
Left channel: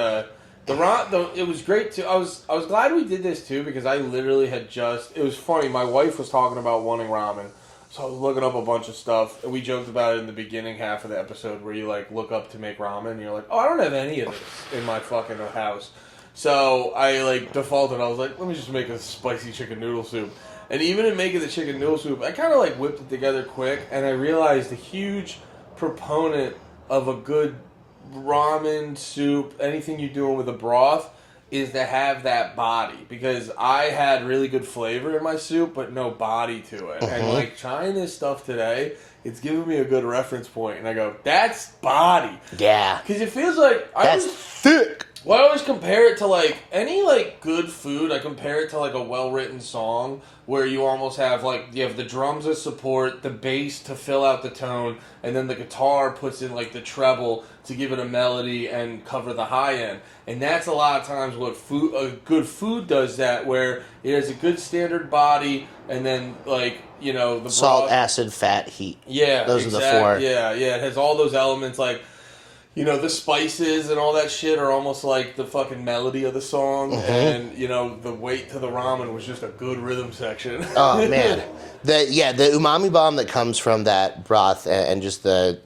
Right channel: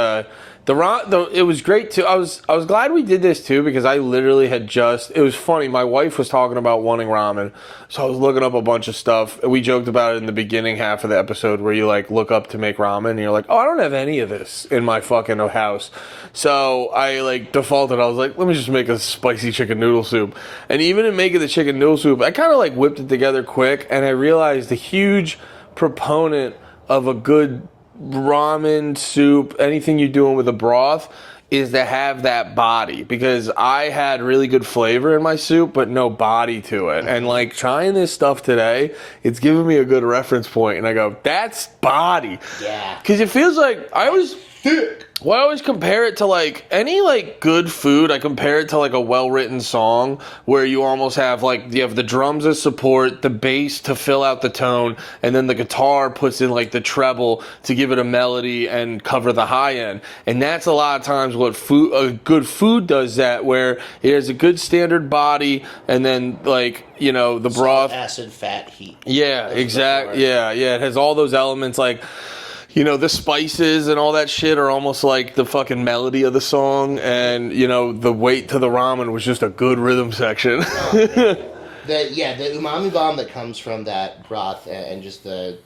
It was great too. I was glad we did this too because I literally had it was funny. My wife was talking about wanting ramen, so I was looking up a bunch of stuff. We joked about it in the beginning half of the episode where you like look up to make ramen and you're like, oh, I don't have any of this in my fucking house. So I like defaulted. I was like, let me just make a spicy chicken noodle soup. And even in making the chicken noodle soup, I kind of like whipped it together quick, and I realized a huge proponent of a good ramen soup, anything you're doing with a broth, is to have that body, because I had really good flavor in my soup but no body to it. And like trying this stuff today, it's giving me a good reference point, and I go, that's body. Yeah, because it feels like that's thick. Well, I always compare it to like any like good food. I compare it to like a well-written song where you almost have like you have the drums as support, the bass to fill out the tone, and then the guitar puts in like the treble to give it a melody and cover the high end. And that's a lot of times what a good food does, that where it has a good standard body, and then like, you know, the salt, broth, acid, fat, heat. yeah, exactly. Yeah, it has all those elements like. You know, the spices and all that shit are almost like the fucking melody of the song. And, you know, the weight to the ramen was just a good rhythm section. Oh, man. The umami bomb that comes from that broth and just the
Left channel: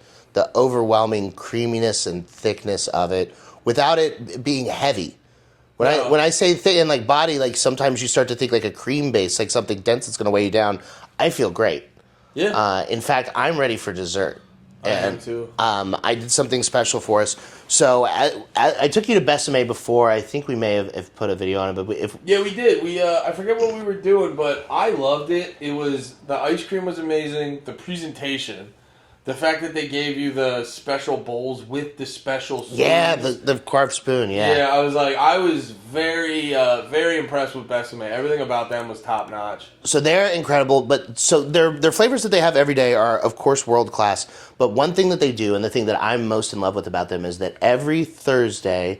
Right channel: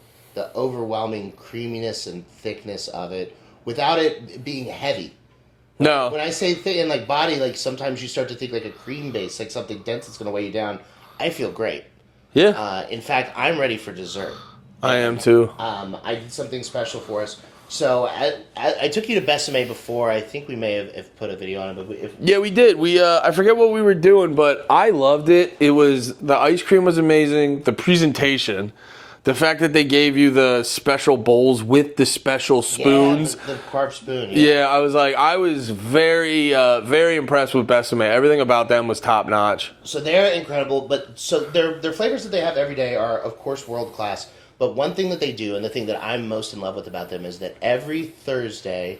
overwhelming creaminess and thickness of it without it being heavy. When I say thick and like body, like sometimes you start to think like a cream base, like something dense that's going to weigh you down. I feel great. Yeah. In fact, I'm ready for dessert. I am too. I did something special for us. So I took you to Besame before. I think we may have put a video on it, but yeah, we did. I forget what we were doing, but I loved it. The ice cream was amazing. The presentation, the fact that they gave you the special bowls with the special spoons. Yeah, the carved spoon. Yeah. I was very very impressed with Besame. Everything about them was top notch. So they're incredible, but so their flavors that they have every day are of course world class. But one thing that they do, and the thing that I'm most in love with about them, is that every Thursday,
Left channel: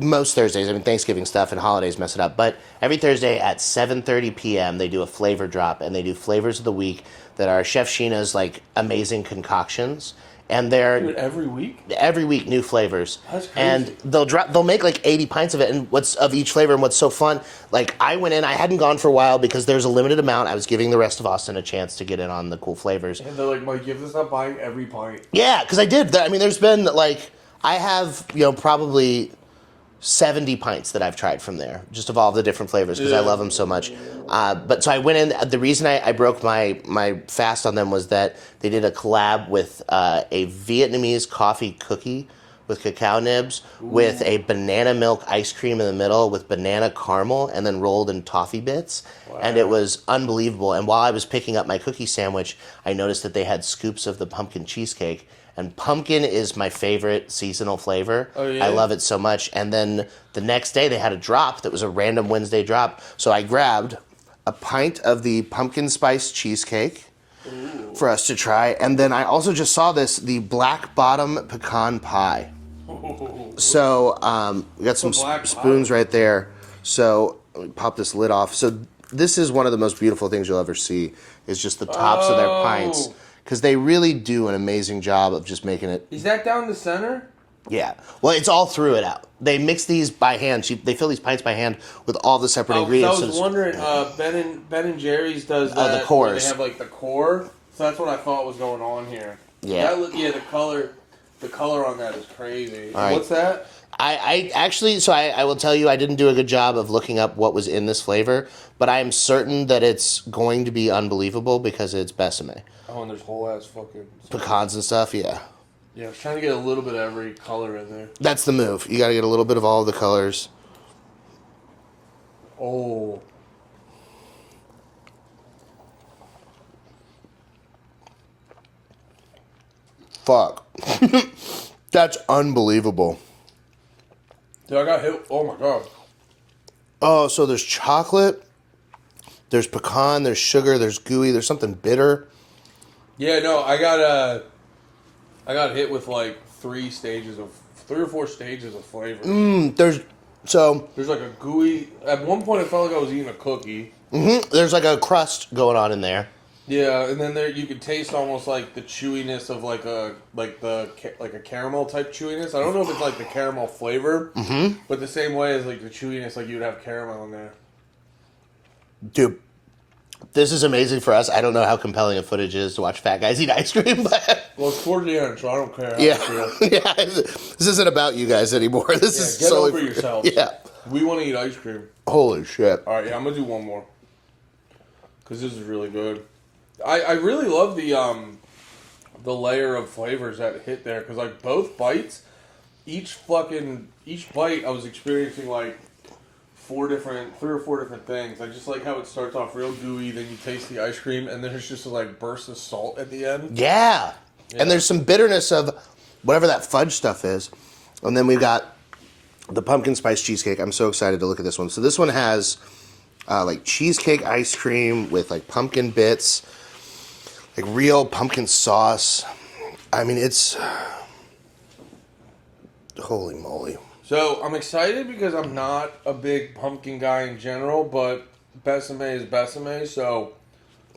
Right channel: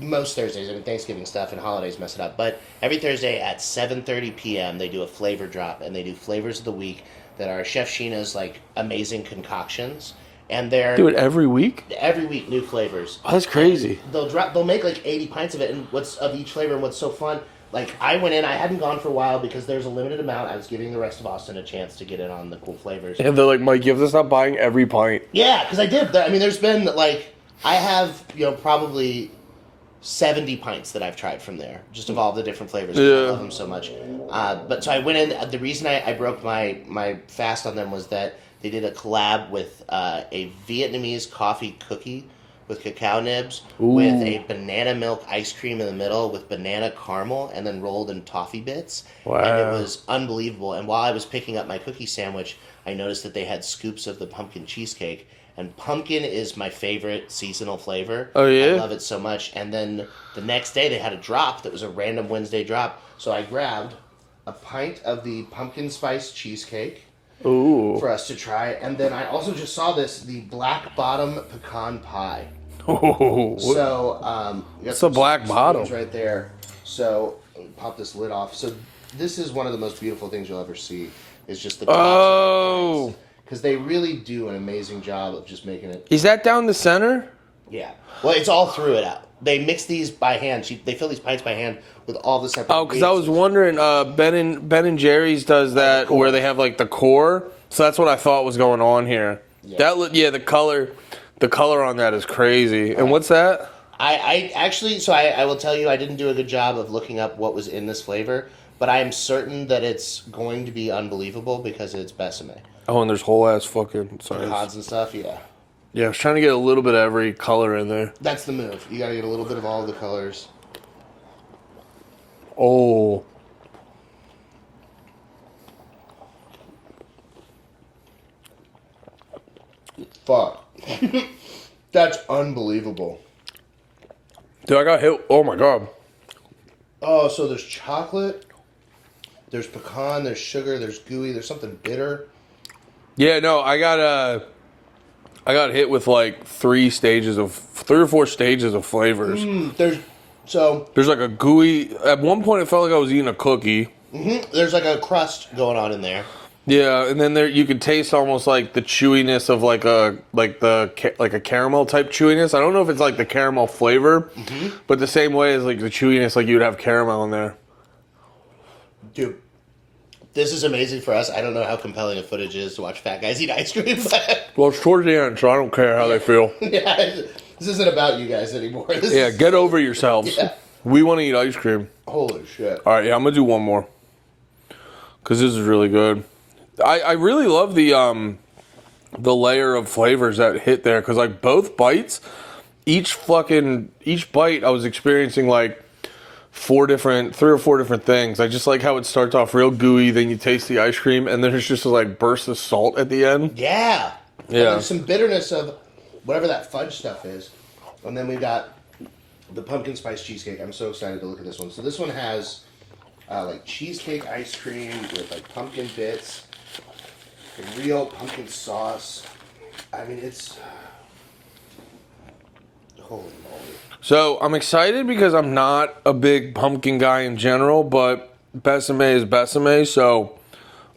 most Thursdays, I mean Thanksgiving stuff and holidays mess it up, but every Thursday at 7:30 p.m. they do a flavor drop, and they do flavors of the week that are Chef Sheena's like amazing concoctions. And they're do it every week. Every week, new flavors. Oh, that's crazy. And they'll make like 80 pints of it, and of each flavor. And what's so fun, like I went in, I hadn't gone for a while because there's a limited amount. I was giving the rest of Austin a chance to get in on the cool flavors. And they're like, Mike, you have to stop buying every pint. Yeah, because I did. I mean, there's been like I have probably 70 pints that I've tried from there, just of all the different flavors because I love them so much. But so I went in. The reason I broke my fast on them was that they did a collab with a Vietnamese coffee cookie with cacao nibs with a banana milk ice cream in the middle with banana caramel and then rolled in toffee bits. Wow. And it was unbelievable. And while I was picking up my cookie sandwich, I noticed that they had scoops of the pumpkin cheesecake. And pumpkin is my favorite seasonal flavor. Oh, yeah? I love it so much. And then the next day they had a drop that was a random Wednesday drop. So I grabbed a pint of the pumpkin spice cheesecake for us to try. And then I also just saw the black bottom pecan pie. Ooh. So we got some black spoons bottom right there. So let me pop this lid off. So this is one of the most beautiful things you'll ever see is just the tops of their pints. Because they really do an amazing job of just making it. Is that down the center? Yeah. Well, it's all through it out. They mix these by hand. They fill these pints by hand with all the separate ingredients. Because I was wondering, Ben and Jerry's does that where they have like the core. So that's what I thought was going on here. Yeah. The color on that is crazy. And what's that? I actually, so I will tell you, I didn't do a good job of looking up what was in this flavor, but I am certain that it's going to be unbelievable because it's Besame. Oh, and there's whole ass fucking pecans and stuff, yeah. Yeah, I was trying to get a little bit of every color in there. That's the move. You got to get a little bit of all the colors. Oh. Fuck. That's unbelievable. Dude, I got hit. Oh, my God. Oh, so there's chocolate, there's pecan, there's sugar, there's gooey, there's something bitter. Yeah, no, I got hit with like 3 or 4 stages of flavors. There's like a gooey. At one point, it felt like I was eating a cookie. There's like a crust going on in there. Yeah, and then there you could taste almost like the chewiness of like a caramel type chewiness. I don't know if it's like the caramel flavor, but the same way as like the chewiness, like you would have caramel in there. Dude, this is amazing for us. I don't know how compelling a footage is to watch fat guys eat ice cream, but... Well, it's towards the end, so I don't care how they feel. Yeah, this isn't about you guys anymore. Get over yourselves. Yeah. We want to eat ice cream. Holy shit. All right, yeah, I'm going to do one more. Because this is really good. I really love the layer of flavors that hit there. Because, like, both bites, each bite I was experiencing, like, three or four different things. I just like how it starts off real gooey, then you taste the ice cream, and then there's just a like burst of salt at the end. Yeah. And there's some bitterness of whatever that fudge stuff is. And then we've got the pumpkin spice cheesecake. I'm so excited to look at this one. So this one has like cheesecake ice cream with like pumpkin bits, like real pumpkin sauce. I mean, it's... Holy moly. So I'm excited because I'm not a big pumpkin guy in general, but Besame is Besame, so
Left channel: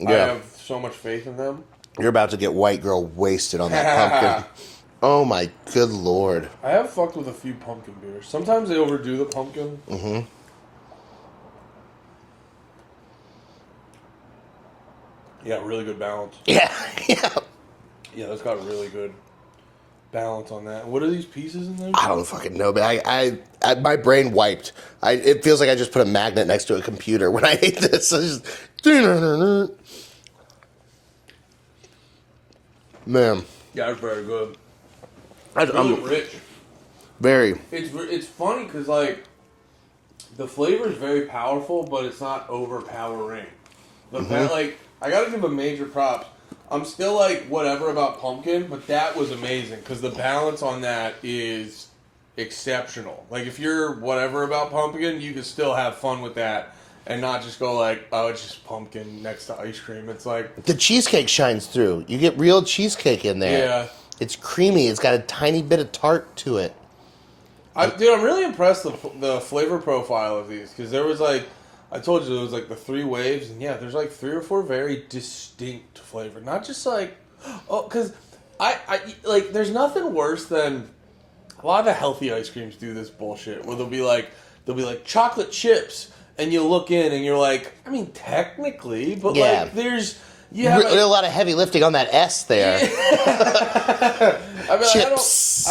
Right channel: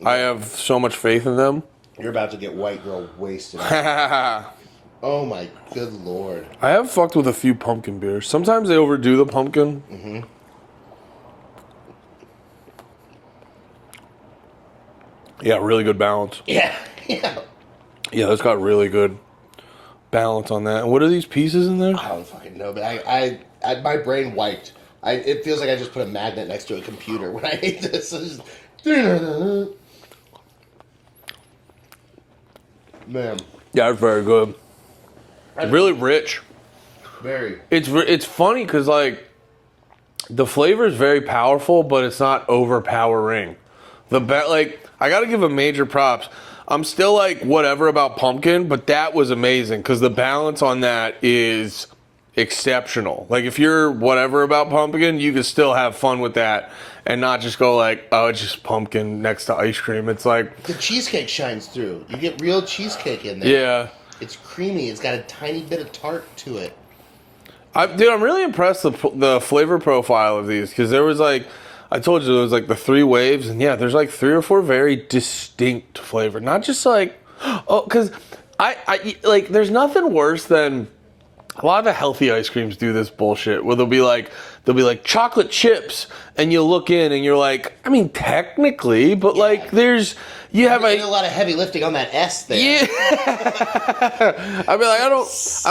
I have so much faith in them. You're about to get white girl wasted on that pumpkin. Oh my good lord. I have fucked with a few pumpkin beers. Sometimes they overdo the pumpkin. Mm-hmm. Yeah, really good balance. Yeah. Yeah, that's got really good balance on that. And what are these pieces in there? I don't fucking know, but I my brain wiped. It feels like I just put a magnet next to a computer when I ate this. I just, man. Yeah, it's very good. It's really rich. Very. It's funny because like the flavor is very powerful, but it's not overpowering. Like I got to give a major props. I'm still like whatever about pumpkin, but that was amazing because the balance on that is exceptional. Like if you're whatever about pumpkin, you can still have fun with that and not just go like, oh, it's just pumpkin next to ice cream. It's like the cheesecake shines through. You get real cheesecake in there. Yeah. It's creamy. It's got a tiny bit of tart to it. Dude, I'm really impressed with the flavor profile of these because there was like, I told you there was like the 3 waves, and yeah, there's like 3 or 4 very distinct flavor. Not just like, oh, because I like, there's nothing worse than a lot of the healthy ice creams do this bullshit where they'll be like chocolate chips, and you look in and you're like, I mean, technically, but like you have a lot of heavy lifting on that S there. Yeah. I mean, like, I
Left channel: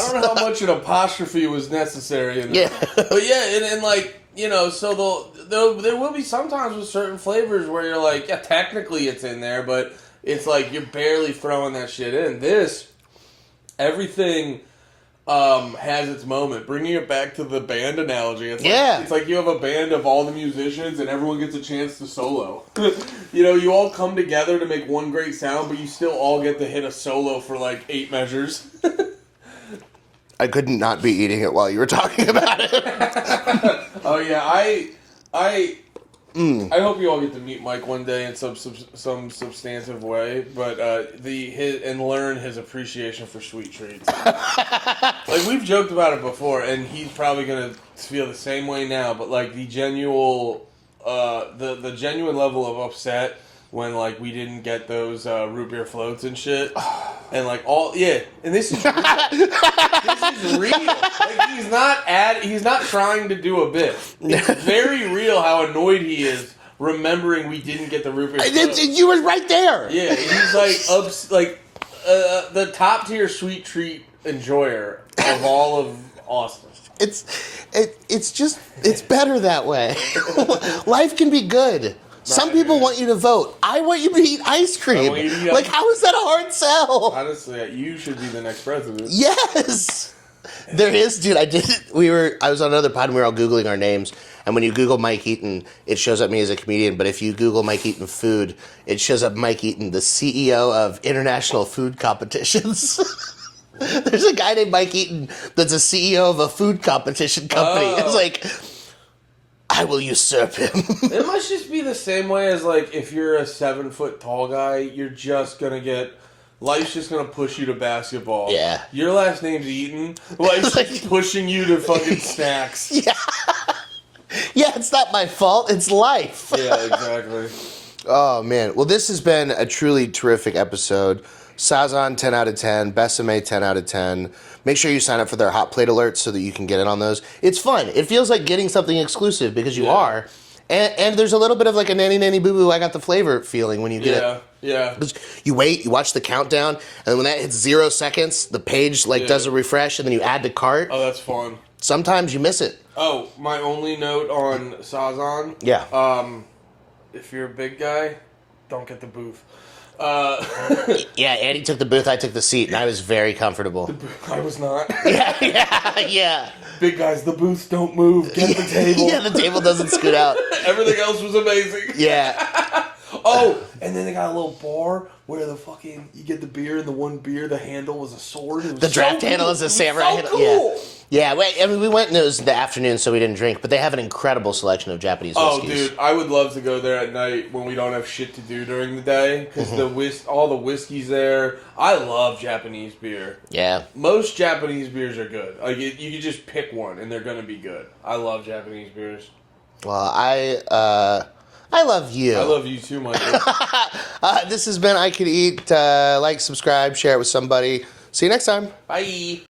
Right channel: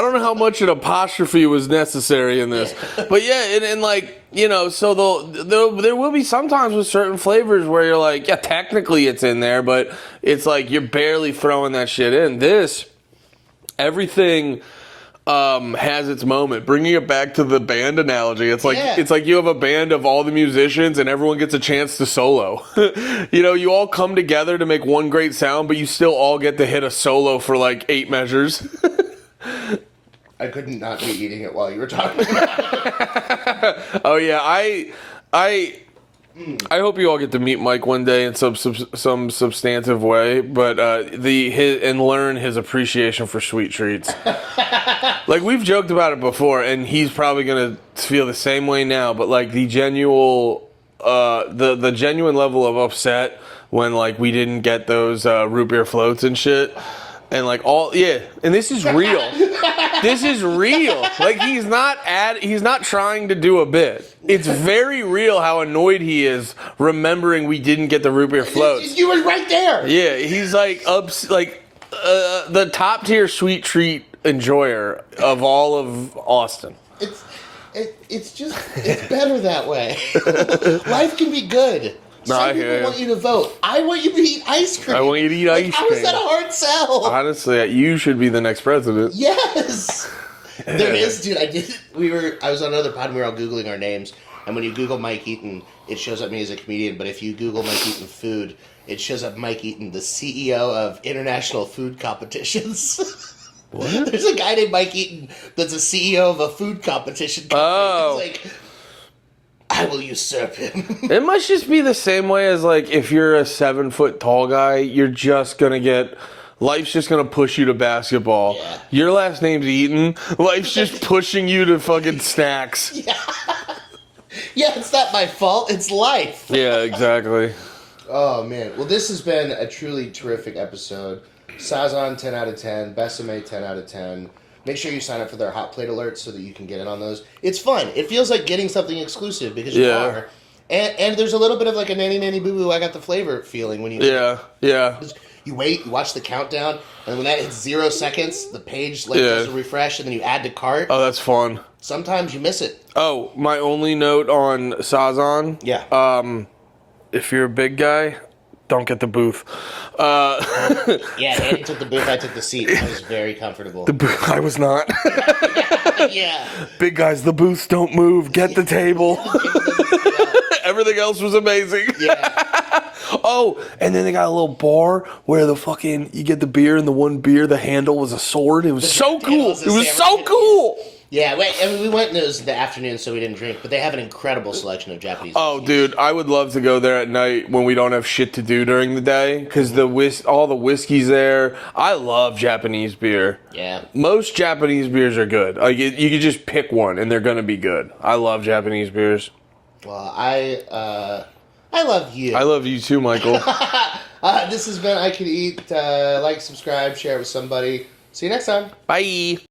don't know how much an apostrophe was necessary in this, but yeah, and like, you know, so there will be sometimes with certain flavors where you're like, yeah, technically it's in there, but it's like you're barely throwing that shit in. This, everything has its moment. Bringing it back to the band analogy, it's like you have a band of all the musicians and everyone gets a chance to solo. You know, you all come together to make one great sound, but you still all get to hit a solo for like 8 measures. I couldn't not be eating it while you were talking about it. Oh yeah, I hope you all get to meet Mike one day in some substantive way, but and learn his appreciation for sweet treats. Like we've joked about it before, and he's probably gonna feel the same way now. But like the genuine level of upset when like we didn't get those root beer floats and shit, and like and this is real. This is real. Like he's not trying to do a bit. It's very real how annoyed he is remembering we didn't get the root beer floats. You were right there. Yeah, he's like the top tier sweet treat enjoyer of all of Austin. It's better that way. Life can be good. Some people want you to vote. I want you to eat ice cream. I want you to eat ice cream. How is that a hard sell? Honestly, you should be the next president. Yes. There is, dude. I was on another pod and we were all Googling our names. And when you Google Mike Eaton, it shows up me as a comedian. But if you Google Mike Eaton food, it shows up Mike Eaton, the CEO of International Food Competitions. What? There's a guy named Mike Eaton that's a CEO of a food competition company. Oh. It's like, I will usurp him. It must just be the same way as like if you're a 7 foot tall guy, you're just gonna get. Life's just gonna push you to basketball. Yeah. Your last name's Eaton. Life's just pushing you to fucking snacks. Yeah. Yeah, it's not my fault. It's life. Yeah, exactly. Oh, man. Well, this has been a truly terrific episode. Sazan, 10 out of 10. Besame, 10 out of 10. Make sure you sign up for their hot plate alerts so that you can get in on those. It's fun. It feels like getting something exclusive because you are. And there's a little bit of like a nanny boo-boo, I got the flavor feeling when you get it. Yeah. You wait, you watch the countdown, and when that hits 0 seconds, the page does a refresh, and then you add to cart. Oh, that's fun. Sometimes you miss it. Oh, my only note on Sazan. Yeah. If you're a big guy, don't get the booth. Yeah, Andy took the booth, I took the seat. I was very comfortable. The booth, I was not. Yeah. Big guys, the booths don't move. Get the table. Yeah, the table doesn't scoot out. Everything else was amazing. Yeah. Oh, and then they got a little bar where you get the beer, and the one beer, the handle was a sword. It was so cool. It was so cool. Yeah, we went and it was the afternoon, so we didn't drink, but they have an incredible selection of Japanese whiskeys. Oh, dude, I would love to go there at night when we don't have shit to do during the day, because all the whiskey's there. I love Japanese beer. Yeah. Most Japanese beers are good. Like, you could just pick one, and they're going to be good. I love Japanese beers. Well, I love you. I love you too, Michael. This has been I Could Eat. Like, subscribe, share it with somebody. See you next time. Bye.